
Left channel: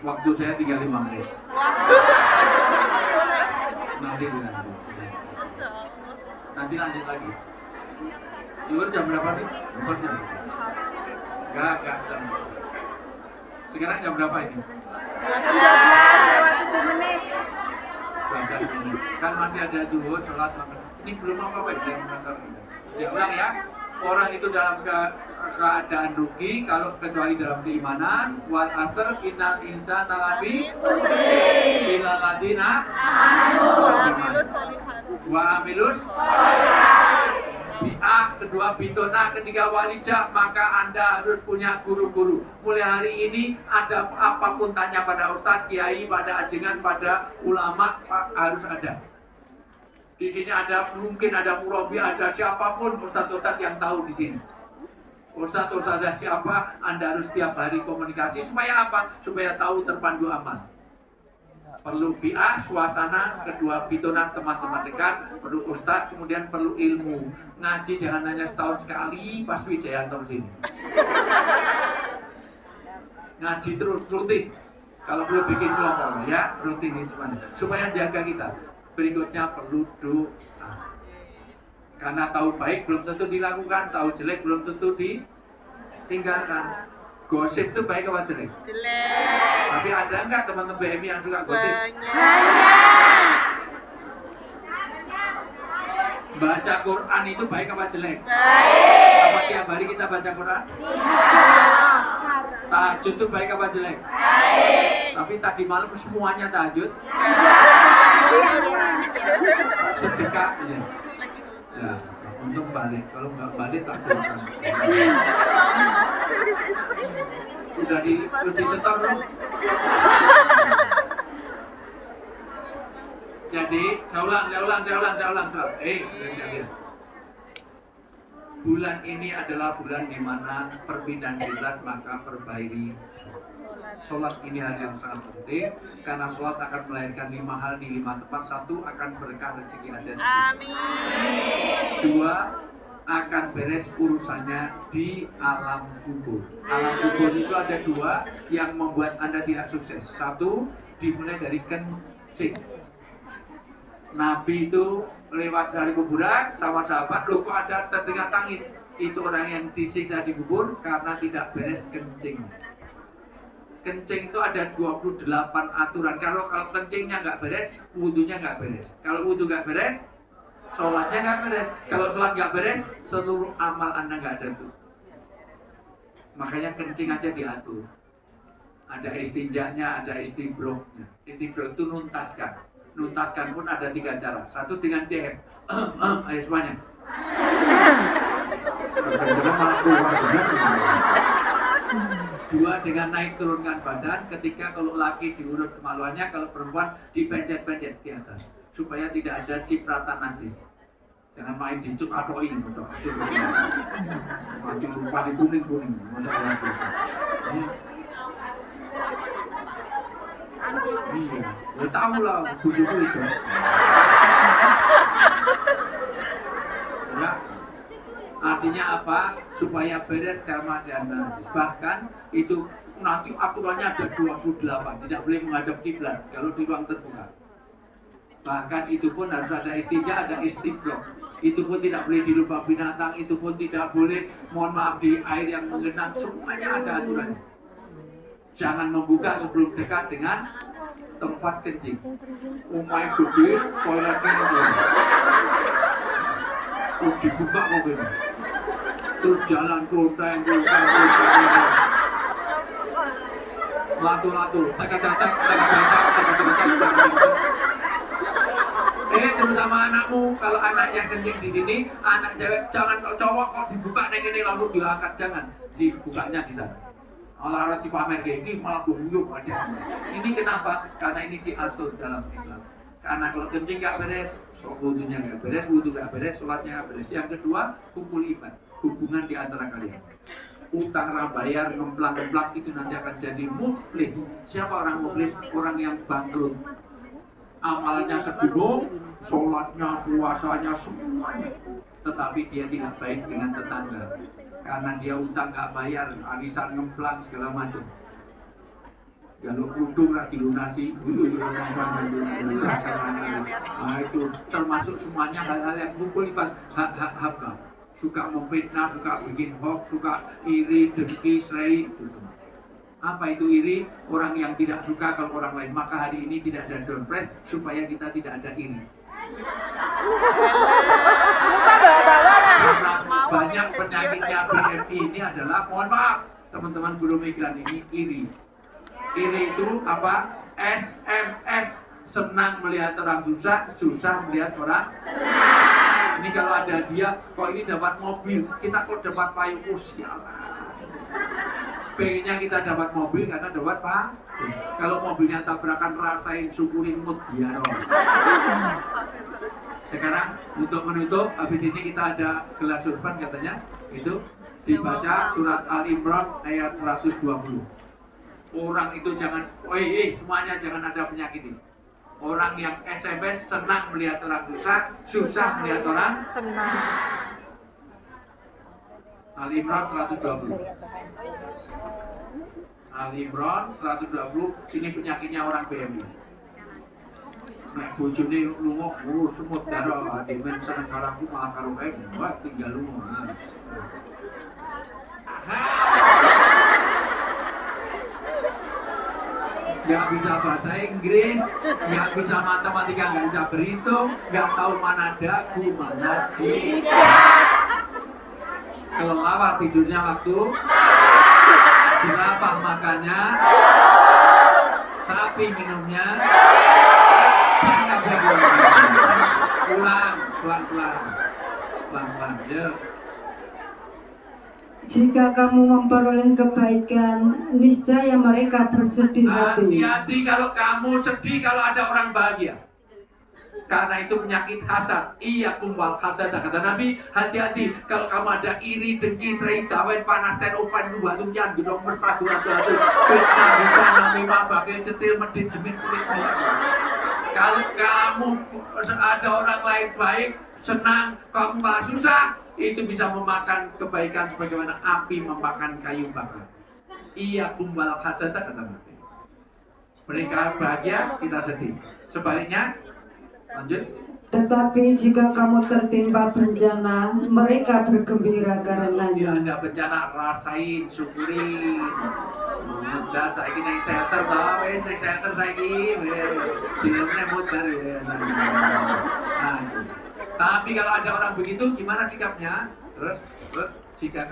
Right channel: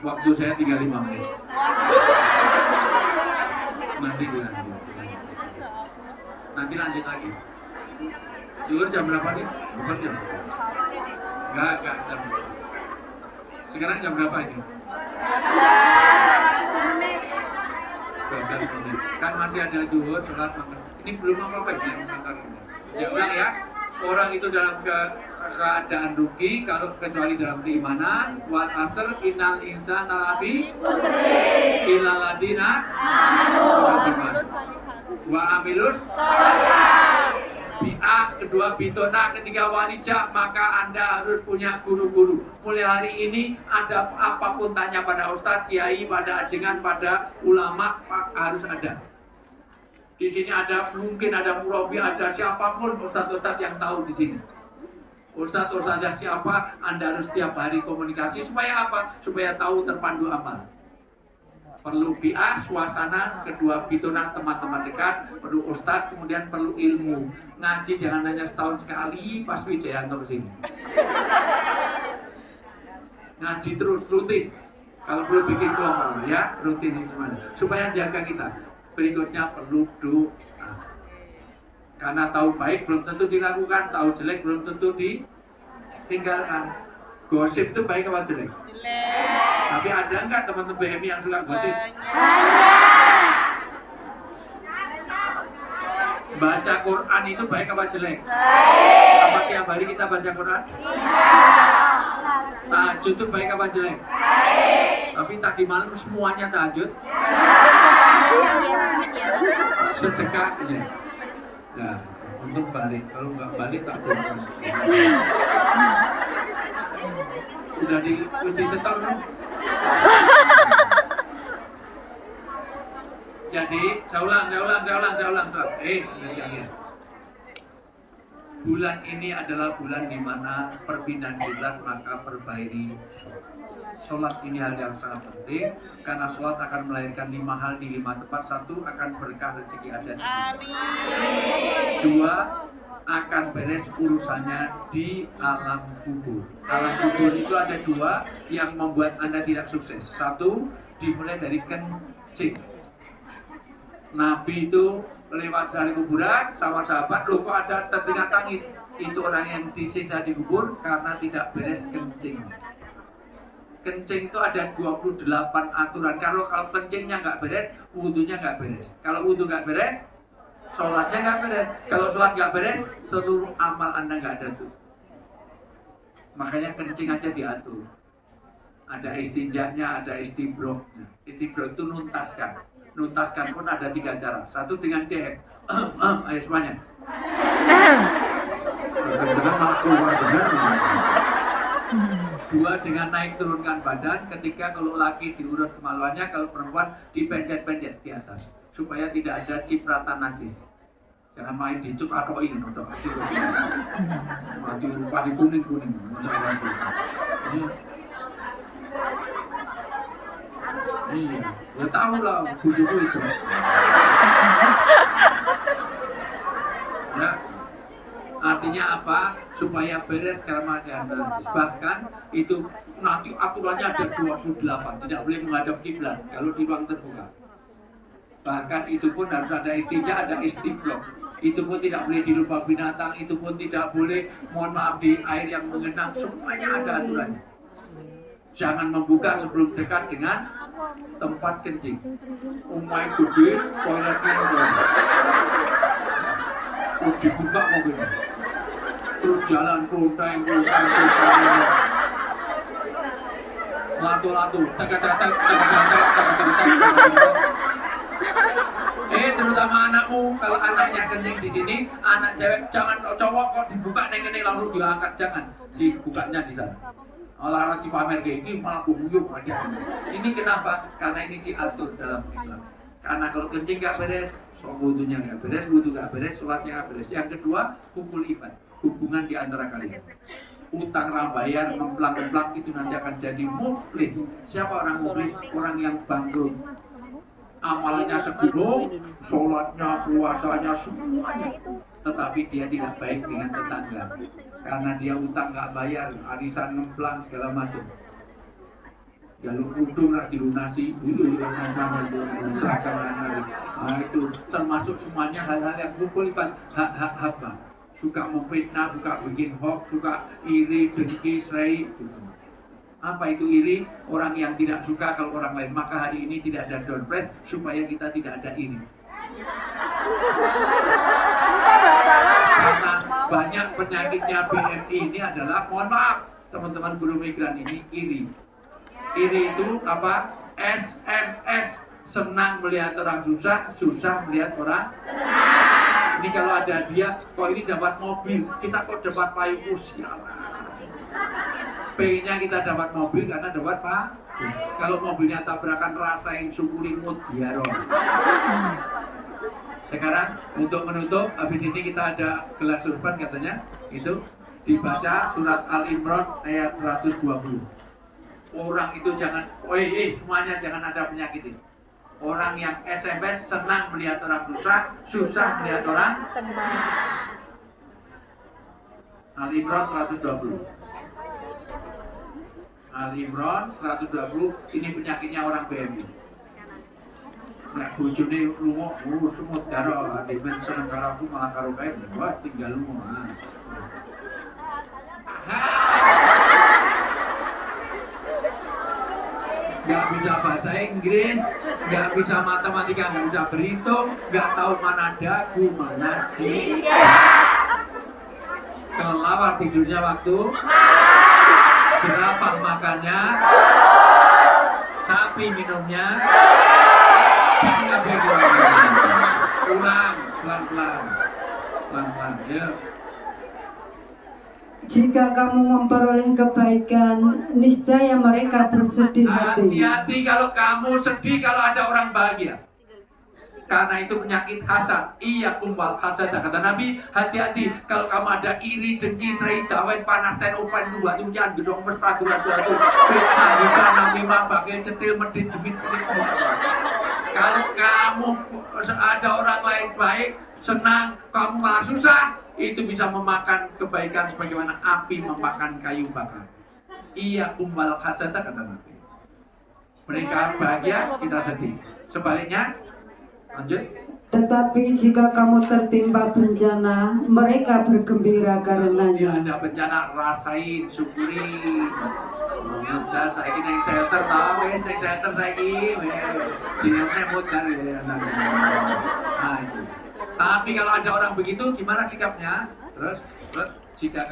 Waktu saya 35 menit. Nanti dilanjut. Nanti lanjut lagi. Dulu jam berapa nih? Bukan jam. Enggak jam. Sekarang jam berapa ini? 12 menit. Kan masih ada duhur, sholat makan. Ini belum apa-apa saya mengantar. Ya ulang ya. Orang itu dalam keadaan rugi kalau kecuali dalam keimanan. Wal asr innal insana lafi illal ladina wa amilus bi'ah kedua bitona ketiga walijah. Maka Anda harus punya guru-guru. Mulai hari ini ada apapun tanya pada ustadz, kiai, pada ajengan, pada ulama, harus ada. Di sini ada mungkin ada murabi, ada siapapun ustadz-ustadz yang tahu di sini. Ustadz-ustadz siapa, Anda harus tiap hari komunikasi supaya apa? Supaya tahu terpandu amal. Perlu bi'ah, suasana, kedua pituna teman-teman dekat, perlu ustadz, kemudian perlu ilmu. Ngaji jangan hanya setahun sekali pas Wijayanto kesini. Ngaji terus rutin. Kalau perlu bikin kelompok ya, rutin ini semuanya. Supaya jaga kita. Berikutnya perlu doa. Karena tahu baik belum tentu dilakukan, tahu jelek belum tentu ditinggalkan. Gosip itu baik apa jelek? Jelek. Tapi ada enggak teman-teman BMI yang suka gosip? Banyak. Baca Quran itu baik apa jelek? Baik. Apa tiap hari kita baca Quran? Tidak. Tahajud itu baik apa jelek? Baik. Tapi tadi malam semuanya tahajud? Sedekah aja. Ya, untuk balik. Kalau nggak balik tak boleh. Udah terus di setor belum? Jadi, saya ulang. Sudah sekalian. Bulan ini adalah bulan di mana perpindahan bulan, maka perbaiki sholat ini hal yang sangat penting karena sholat akan melahirkan 5 hal di 5 tempat. 1, akan berkah rezeki ada di dunia. 2, akan beres urusannya di alam kubur. Alam kubur itu ada 2 yang membuat Anda tidak sukses. 1, dimulai dari kencing. Nabi itu lewat dari kuburan sama sahabat, loh kok ada terdengar tangis. Itu orang yang disiksa di kubur karena tidak beres kencing. Kencing itu ada 28 aturan. Kalau kencingnya nggak beres, wudhunya nggak beres. Kalau wudhu nggak beres, sholatnya nggak beres. Kalau sholat nggak beres, seluruh amal Anda nggak ada tuh. Makanya kencing aja diatur. Ada istinjaknya, ada istibroknya. Istibrok itu nuntaskan. Nuntaskan pun ada 3 cara. 1 dengan DM. Ayo semuanya. Jangan malah keluar benar. 2 dengan naik turunkan badan. Ketika kalau laki diurut kemaluannya, kalau perempuan dipencet-pencet di atas supaya tidak ada cipratan najis. Jangan main dicuk atoi untuk kecil. Nanti rupa di kuning-kuning. Masalah itu. Iya, ya tahu lah bujuku itu. Ya, artinya apa? Supaya beres karma dan najis. Bahkan itu nanti aturannya ada 28, tidak boleh menghadap kiblat kalau di ruang terbuka. Bahkan itu pun harus ada istinja, ada istibrok. Itu pun tidak boleh dilupa binatang, itu pun tidak boleh, mohon maaf, di air yang mengenang. Semuanya ada aturannya. Jangan membuka sebelum dekat dengan tempat kencing. Umay gede, toiletnya gede. Terus dibuka mobil. Terus jalan kelonteng. Latu-latu, tek-tek. Terutama anakmu, kalau anaknya kencing di sini, anak cewek jangan cowok kok dibuka ini langsung diangkat, jangan dibukanya di sana. Malah dipamer kayak gini malah buyuk aja. Ini kenapa? Karena ini diatur dalam Islam. Karena kalau kencing gak beres, wudunya gak beres, wudu gak beres, sholatnya gak beres. Yang kedua, hubul ibad, hubungan di antara kalian. Utang bayar, ngemplang-ngemplang itu nanti akan jadi muflis. Siapa orang muflis? Orang yang bangkrut. Amalannya segunung, sholatnya, puasanya, semuanya. Tetapi dia tidak baik dengan tetangga. Karena dia utang gak bayar, arisan ngemplang segala macam. Ya lu kudu gak dilunasi dulu ya, nah itu termasuk semuanya hal-hal yang kumpul ibad hak-hak hamba. Suka memfitnah, suka bikin hoax, suka iri, dengki, serai gitu. Apa itu iri? Orang yang tidak suka kalau orang lain. Maka hari ini tidak ada down press supaya kita tidak ada iri. Karena banyak penyakitnya BMI ini adalah, mohon maaf teman-teman guru migran ini, iri. Iri itu apa? SMS, senang melihat orang susah, susah melihat orang senang. Ini kalau ada dia, kok ini dapat mobil, kita kok dapat payung, sialan. Pengennya kita dapat mobil karena dapat pak. Kalau mobilnya tabrakan, rasain, syukurin, mutiara. Sekarang untuk menutup, habis ini kita ada gelas surban katanya, itu dibaca surat Al-Imran ayat 120. Orang itu jangan, semuanya jangan ada penyakit ini. Orang yang SMS senang melihat orang susah, susah melihat orang senang. Al-Imran 120. Al-Imran 120, ini penyakitnya orang BMI. Nek bojone lunga, semut darah, demen seneng karaku malah karo kae, wah tinggal lunga. Gak bisa bahasa Inggris, gak bisa matematika, gak bisa berhitung, gak tahu mana dagu, mana jidat. Kelelawar tidurnya waktu, jerapah makannya, sapi minumnya, dan ulang, pelan-pelan, yuk. Jika kamu memperoleh kebaikan, niscaya mereka bersedih hati. Hati-hati kalau kamu sedih kalau ada orang bahagia. Karena itu penyakit hasad. Iya kumbal hasad, kata Nabi. Hati-hati kalau kamu ada iri, dengki, serai, dawet, panas, ten, upan, dua, tunjan, gedong, mesra, dua-dua, fitnah, hibah, namimah, bagian cetil, medit, demit, kalau kamu ada orang lain baik, senang, kamu malah susah, itu bisa memakan kebaikan sebagaimana api memakan kayu bakar. Iya kumbal hasad, kata Nabi. Mereka bahagia, kita sedih. Sebaliknya, lanjut. Tetapi jika kamu tertimpa bencana, mereka bergembira Dia karenanya. ada bencana, rasain, syukurin. Dan saya ini naik shelter, naik shelter saya ini, dinamnya mutar ya. Nah itu. Tapi kalau ada orang begitu, gimana sikapnya? Terus jika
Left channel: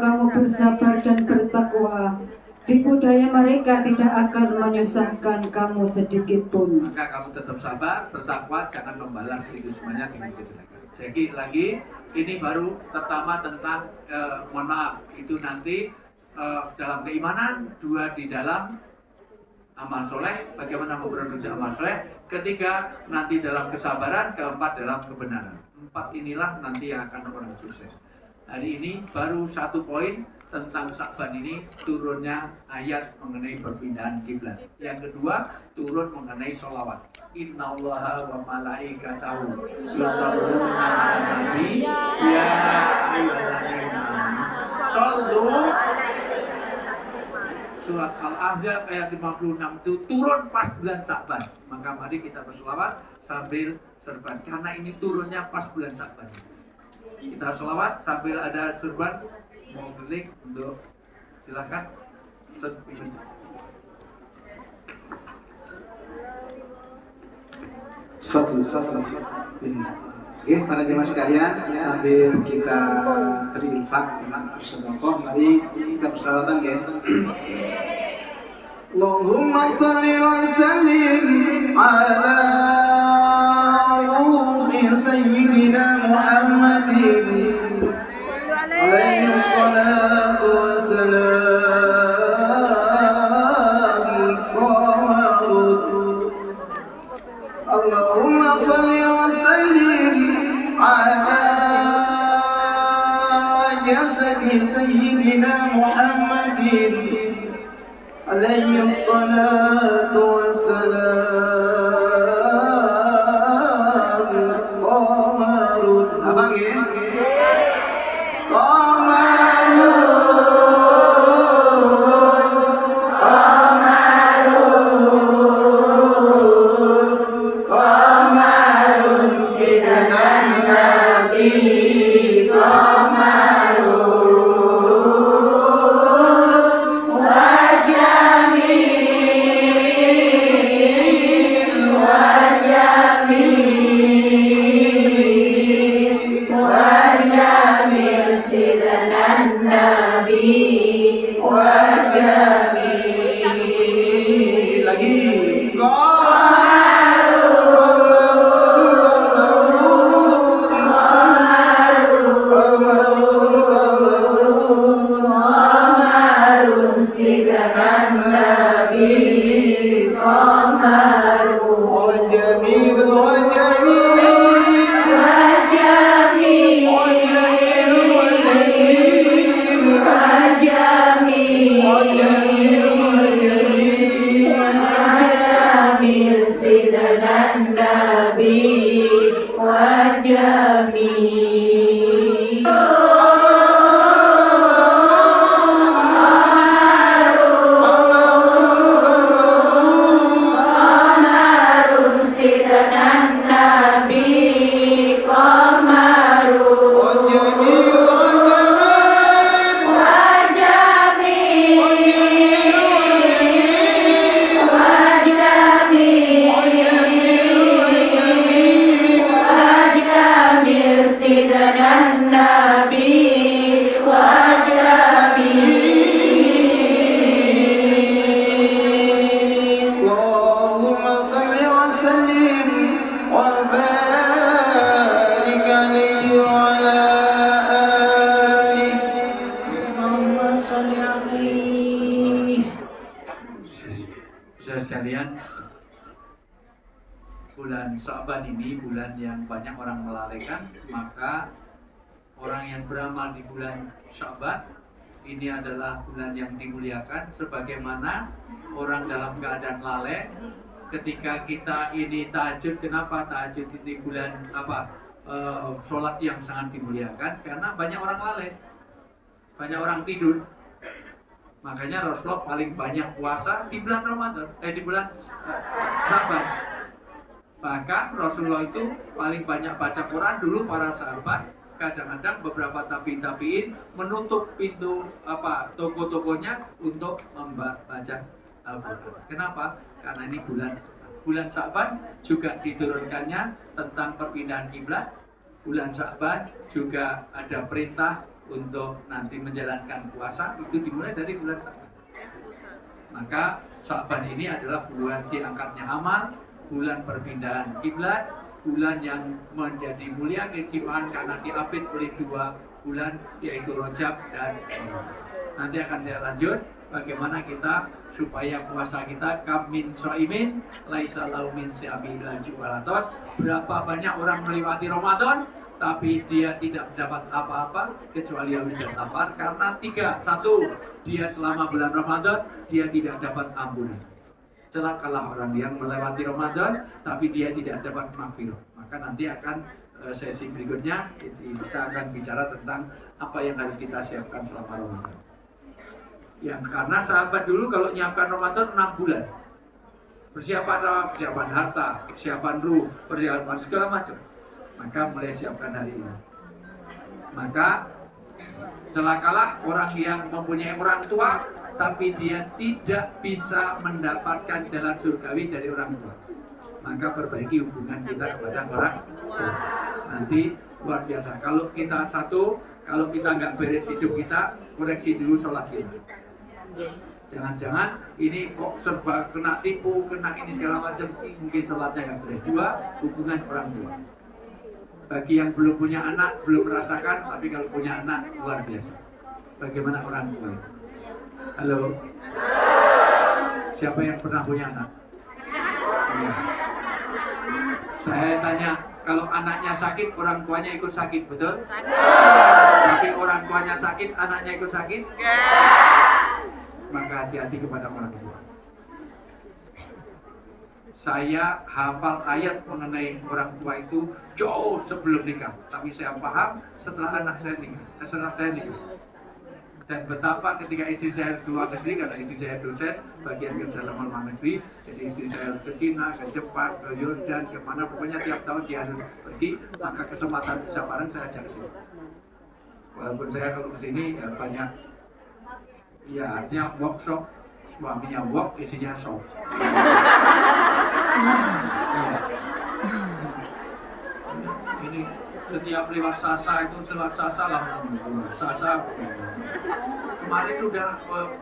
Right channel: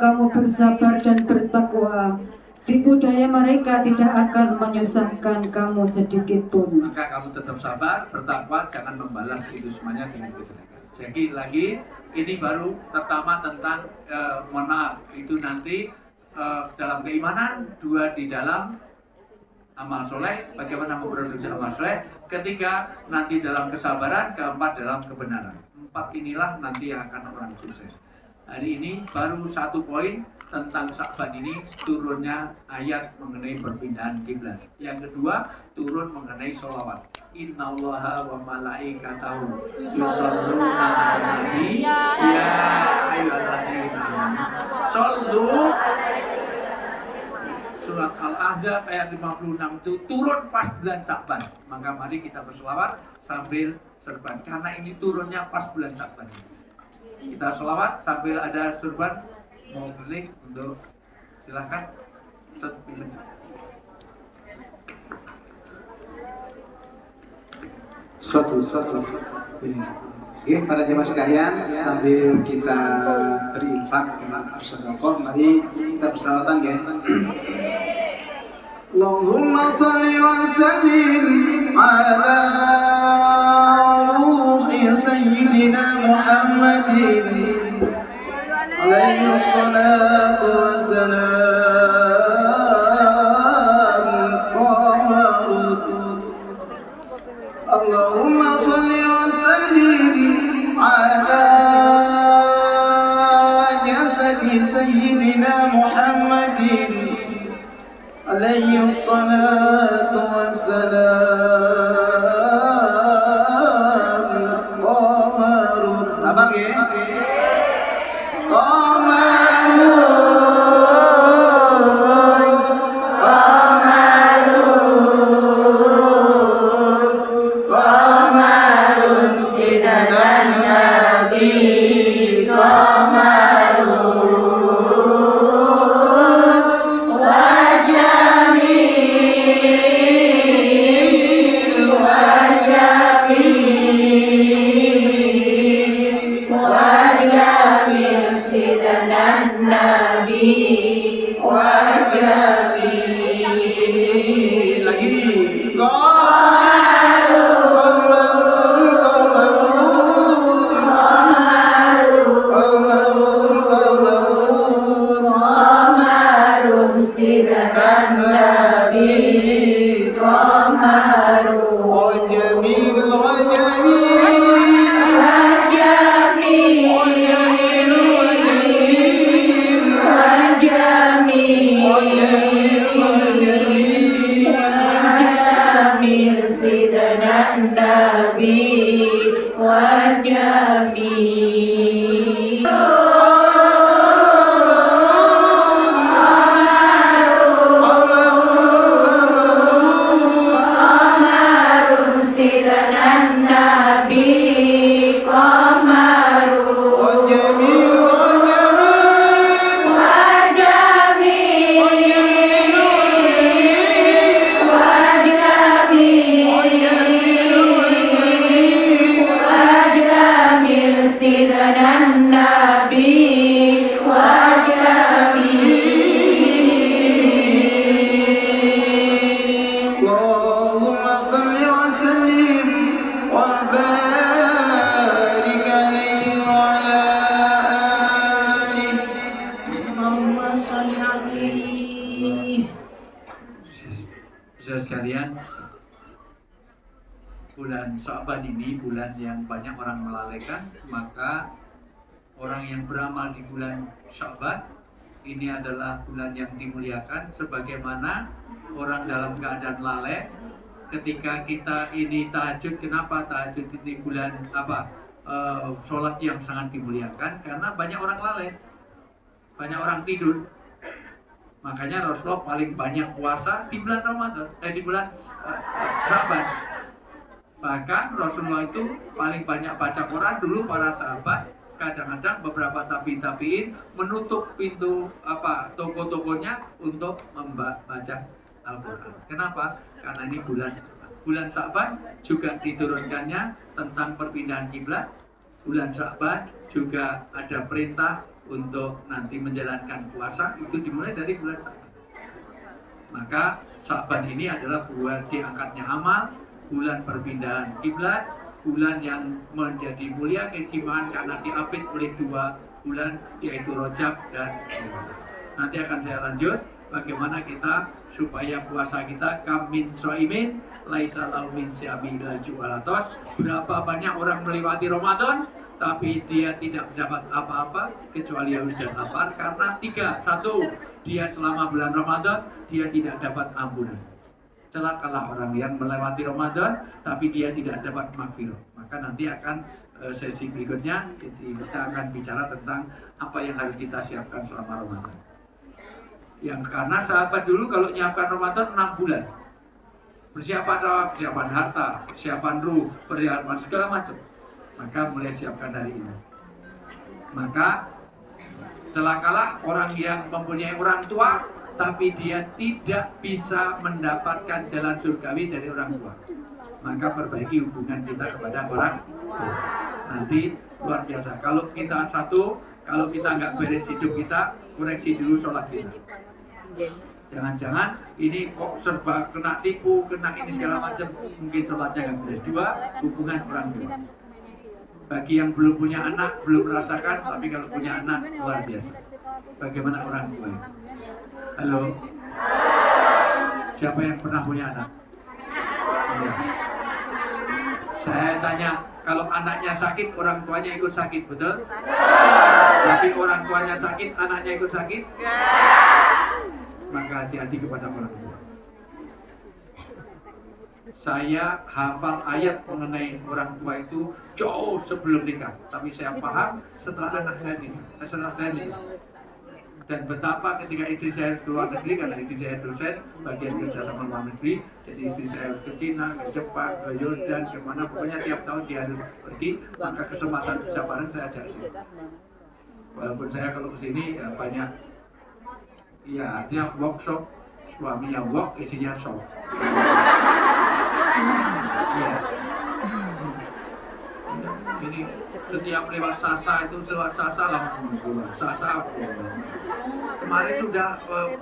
kamu bersabar dan bertakwa, tipu daya mereka tidak akan menyusahkan kamu sedikit pun. maka kamu tetap sabar, bertakwa, jangan membalas itu semuanya dengan kejelekan. Jadi lagi, ini baru pertama tentang mohon maaf, itu nanti dalam keimanan, dua di dalam amal soleh, bagaimana memproduksi amal soleh, ketiga nanti dalam kesabaran, keempat dalam kebenaran. Empat inilah nanti yang akan orang sukses. Hari ini baru satu poin tentang Sya'ban ini, turunnya ayat mengenai perpindahan kiblat. Yang kedua, turun mengenai sholawat. Innallaha wa malaikatahu yusholluna 'alan nabi ya ayyuhalladzina amanu shollu. Surat Al-Ahzab ayat 56 itu turun pas bulan Sya'ban. Maka mari kita berselawat sambil serban, karena ini turunnya pas bulan Sya'ban. Kita selawat sambil ada serban. Mau klik untuk silahkan. suatu. Yes. Oke, para jemaah sekalian, sambil kita berinfak, bersedekah, mari kita berselawatan ya. Allahumma shalli wa sallim ala ruhi sayyidina Muhammadin alaihi salatu wassalam. Allahumma shalli wa sallim ala jasadi sayyidina Muhammadin alaihi salatu wassalam. Qamarun. Abang ya? Sekalian, bulan Sya'ban ini bulan yang banyak orang melalaikan, maka orang yang beramal di bulan Sya'ban ini adalah bulan yang dimuliakan, sebagaimana orang dalam keadaan lalai ketika kita ini tahajud. Kenapa tahajud ini bulan sholat yang sangat dimuliakan? Karena banyak orang lalai, banyak orang tidur. Makanya Rasulullah paling banyak puasa di bulan Ramadan, di bulan Sya'ban. Bahkan Rasulullah itu paling banyak baca Quran. Dulu para sahabat kadang-kadang beberapa tabi'in menutup pintu toko-tokonya untuk membaca Al-Quran. Kenapa? Karena ini bulan Sya'ban juga diturunkannya tentang perpindahan kiblat. Bulan Sya'ban juga ada perintah untuk nanti menjalankan puasa, itu dimulai dari bulan Sya'ban. Maka Sya'ban ini adalah bulan diangkatnya amal, bulan perpindahan kiblat, bulan yang menjadi mulia keistimewaan karena diapit oleh 2 bulan, yaitu Rajab dan Ramadan. Nanti akan saya lanjut bagaimana kita supaya puasa kita kamin soimin laisa lau min siami laju alatos. Berapa banyak orang melewati Ramadan tapi dia tidak mendapat apa-apa kecuali haus dan lapar karena 3. 1, dia selama bulan Ramadan dia tidak dapat ampunan. Celakalah orang yang melewati Ramadan tapi dia tidak dapat maghfirah. Maka nanti akan sesi berikutnya kita akan bicara tentang apa yang harus kita siapkan selama Ramadan. Yang karena sahabat dulu kalau nyiapkan Ramadan 6 bulan. Persiapan harta, persiapan ruh, persiapan segala macam. Maka mulai siapkan hari ini. Maka celakalah orang yang mempunyai orang tua tapi dia tidak bisa mendapatkan jalan surgawi dari orang tua. Maka perbaiki hubungan kita kepada orang tua. Nanti luar biasa. Kalau kita satu, kalau kita nggak beres hidup kita, koreksi dulu sholat kita. Jangan-jangan ini kok serba kena tipu, kena ini segala macam, mungkin sholatnya nggak beres. Dua, hubungan orang tua. Bagi yang belum punya anak, belum merasakan, tapi kalau punya anak, luar biasa. Bagaimana orang tua itu? Halo? Siapa yang pernah punya anak? Ya. Saya tanya, kalau anaknya sakit, orang tuanya ikut sakit, betul? Tapi orang tuanya sakit, anaknya ikut sakit? Maka hati-hati kepada orang tua. Saya hafal ayat mengenai orang tua itu jauh sebelum nikah, tapi saya paham setelah anak saya nikah, setelah saya nikah. Dan betapa ketika istri saya harus keluar negeri, karena istri saya dosen bagian kerja sama luar negeri, jadi istri saya harus ke Cina, ke Jepang, ke Yordan, kemana, pokoknya tiap tahun dia harus pergi, maka kesempatan bisa bareng saya ajak sini. Walaupun saya kalau kesini ya banyak, ya artinya workshop, suaminya work, istrinya shop. Ya. Ini setiap lewat Sasa itu lewat Sasa lah, Sasa. Kemarin itu udah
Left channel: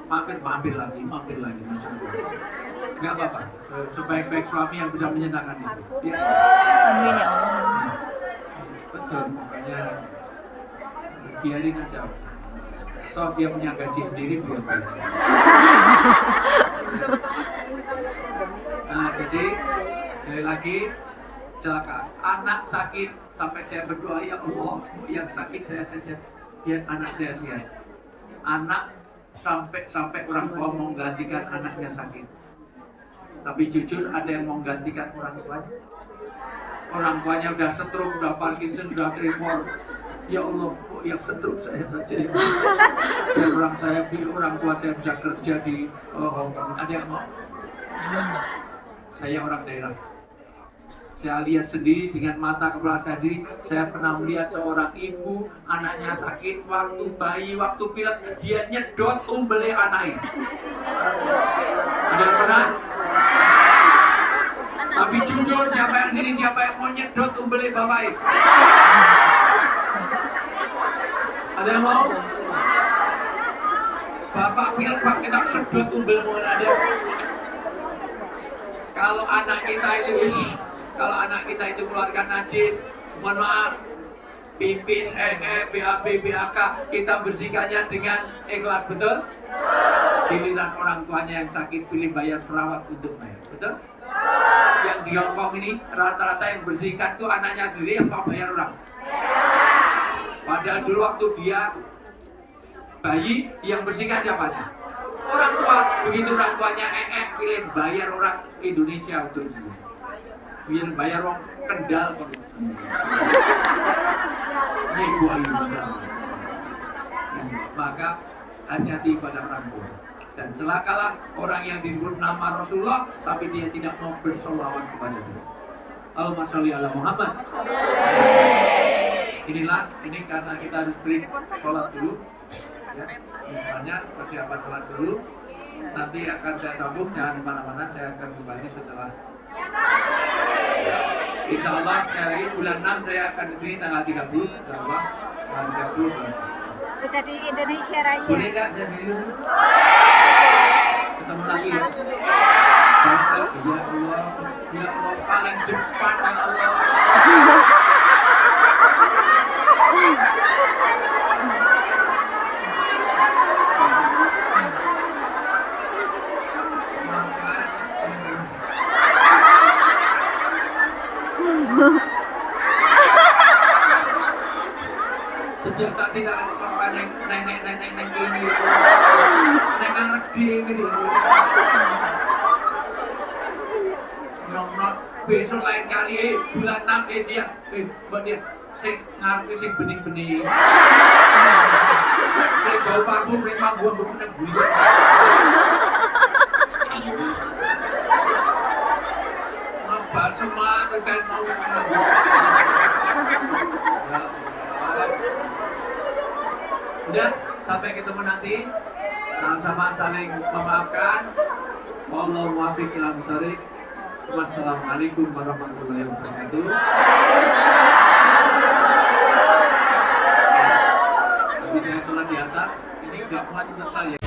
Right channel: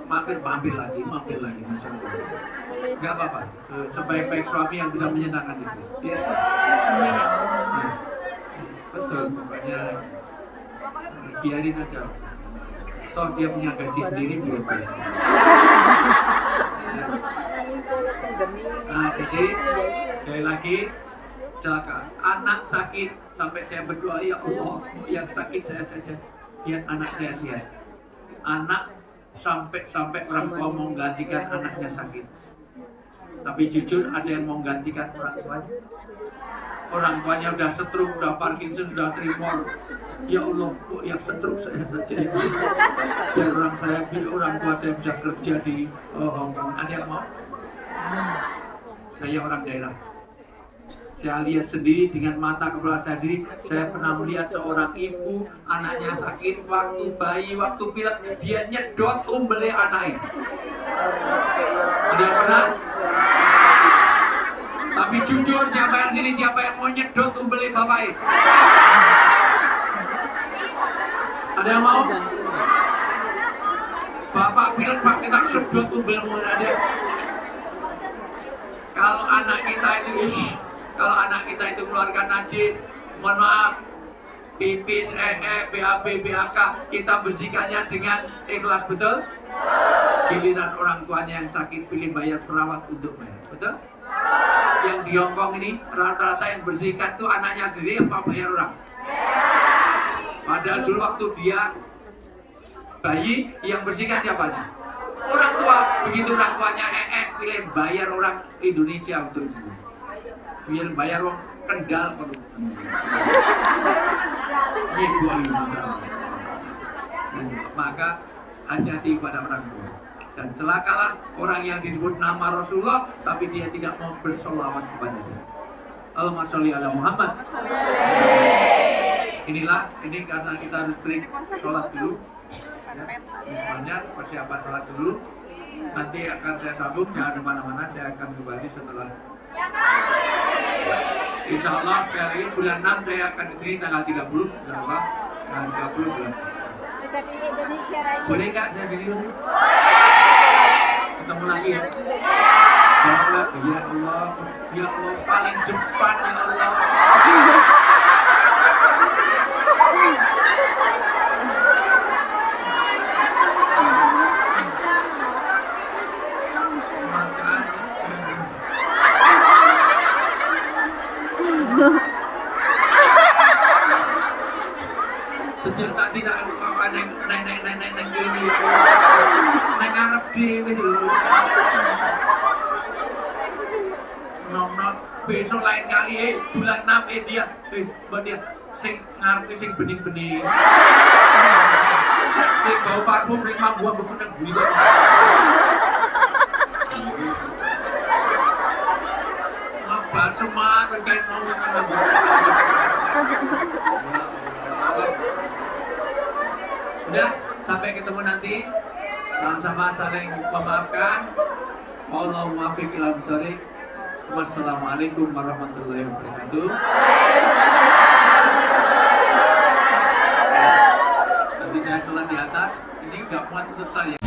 mampir lagi macam itu. Nggak apa-apa, sebaik-baik suami yang bisa menyenangkan istri. Ya. Amin ya Allah. Nah, betul, makanya biarin aja. Toh dia punya gaji sendiri biar bayar. Nah, jadi sekali lagi celaka, anak sakit sampai saya berdoa, ya Allah, yang sakit saya saja, biar anak saya sehat. Anak sampai orang tua mau menggantikan anaknya sakit, tapi jujur ada yang mau menggantikan orang tuanya. Orang tuanya udah stroke, udah Parkinson, udah tremor. Ya Allah, yang stroke saya saja. Biar orang tua saya bisa kerja di Hong Kong. Ada yang mau? Saya orang daerah. Saya lihat sendiri dengan mata kepala saya sendiri. Saya pernah melihat seorang ibu, anaknya sakit, waktu bayi, waktu pilek, dia nyedot umbelnya anak itu. Ada yang pernah? Tapi jujur, siapa yang sini, siapa yang mau nyedot umbelnya bapak itu? Ada yang mau? Bapak pilek, pak kita sedot umbelmu, ada. Kalau anak kita itu keluarga najis, mohon maaf, pipis, BAB, BAK, kita bersihkannya dengan ikhlas, betul? Giliran orang tuanya yang sakit, pilih bayar perawat untuk bayar, betul? Yang di Hong Kong ini rata-rata yang bersihkan tuh anaknya sendiri apa bayar orang? Padahal dulu waktu dia bayi, yang bersihkan siapanya? Orang tua. Begitu orang tuanya pilih bayar orang Indonesia untuk itu. Pilih bayar orang Kendal. Ini buaya masalah. Maka hati-hati pada orang tua. Dan celakalah orang yang disebut nama Rasulullah, tapi dia tidak mau bersolawat kepada dia. Allahumma sholli ala Muhammad. Ini karena kita harus break sholat dulu. Ya, misalnya persiapan sholat dulu. Nanti akan saya sambung, jangan kemana-mana, saya akan kembali setelah. Insya Allah sekali lagi bulan 6 saya akan di sini tanggal 30, tanggal 30 bulan. Kita di Indonesia Raya. Boleh nggak saya sini dulu? Ketemu lagi ya. Ya Allah, paling depan ya Allah. Sejak tak tidak apa nenek gini, neng arep dewi dulu. Ngomong besok lain kali, bulan 6 dia, buat dia, sing ngarep sing bening-bening, sing bau parfum, sing buang bukan guyon. Ngebal semak, terus kayak mau Udah, sampai ketemu nanti. Sama-sama saling memaafkan. Wallahu muwaffiq ila thoriq. Wassalamualaikum warahmatullahi wabarakatuh. Nanti saya sholat di atas. Ini nggak muat untuk saya.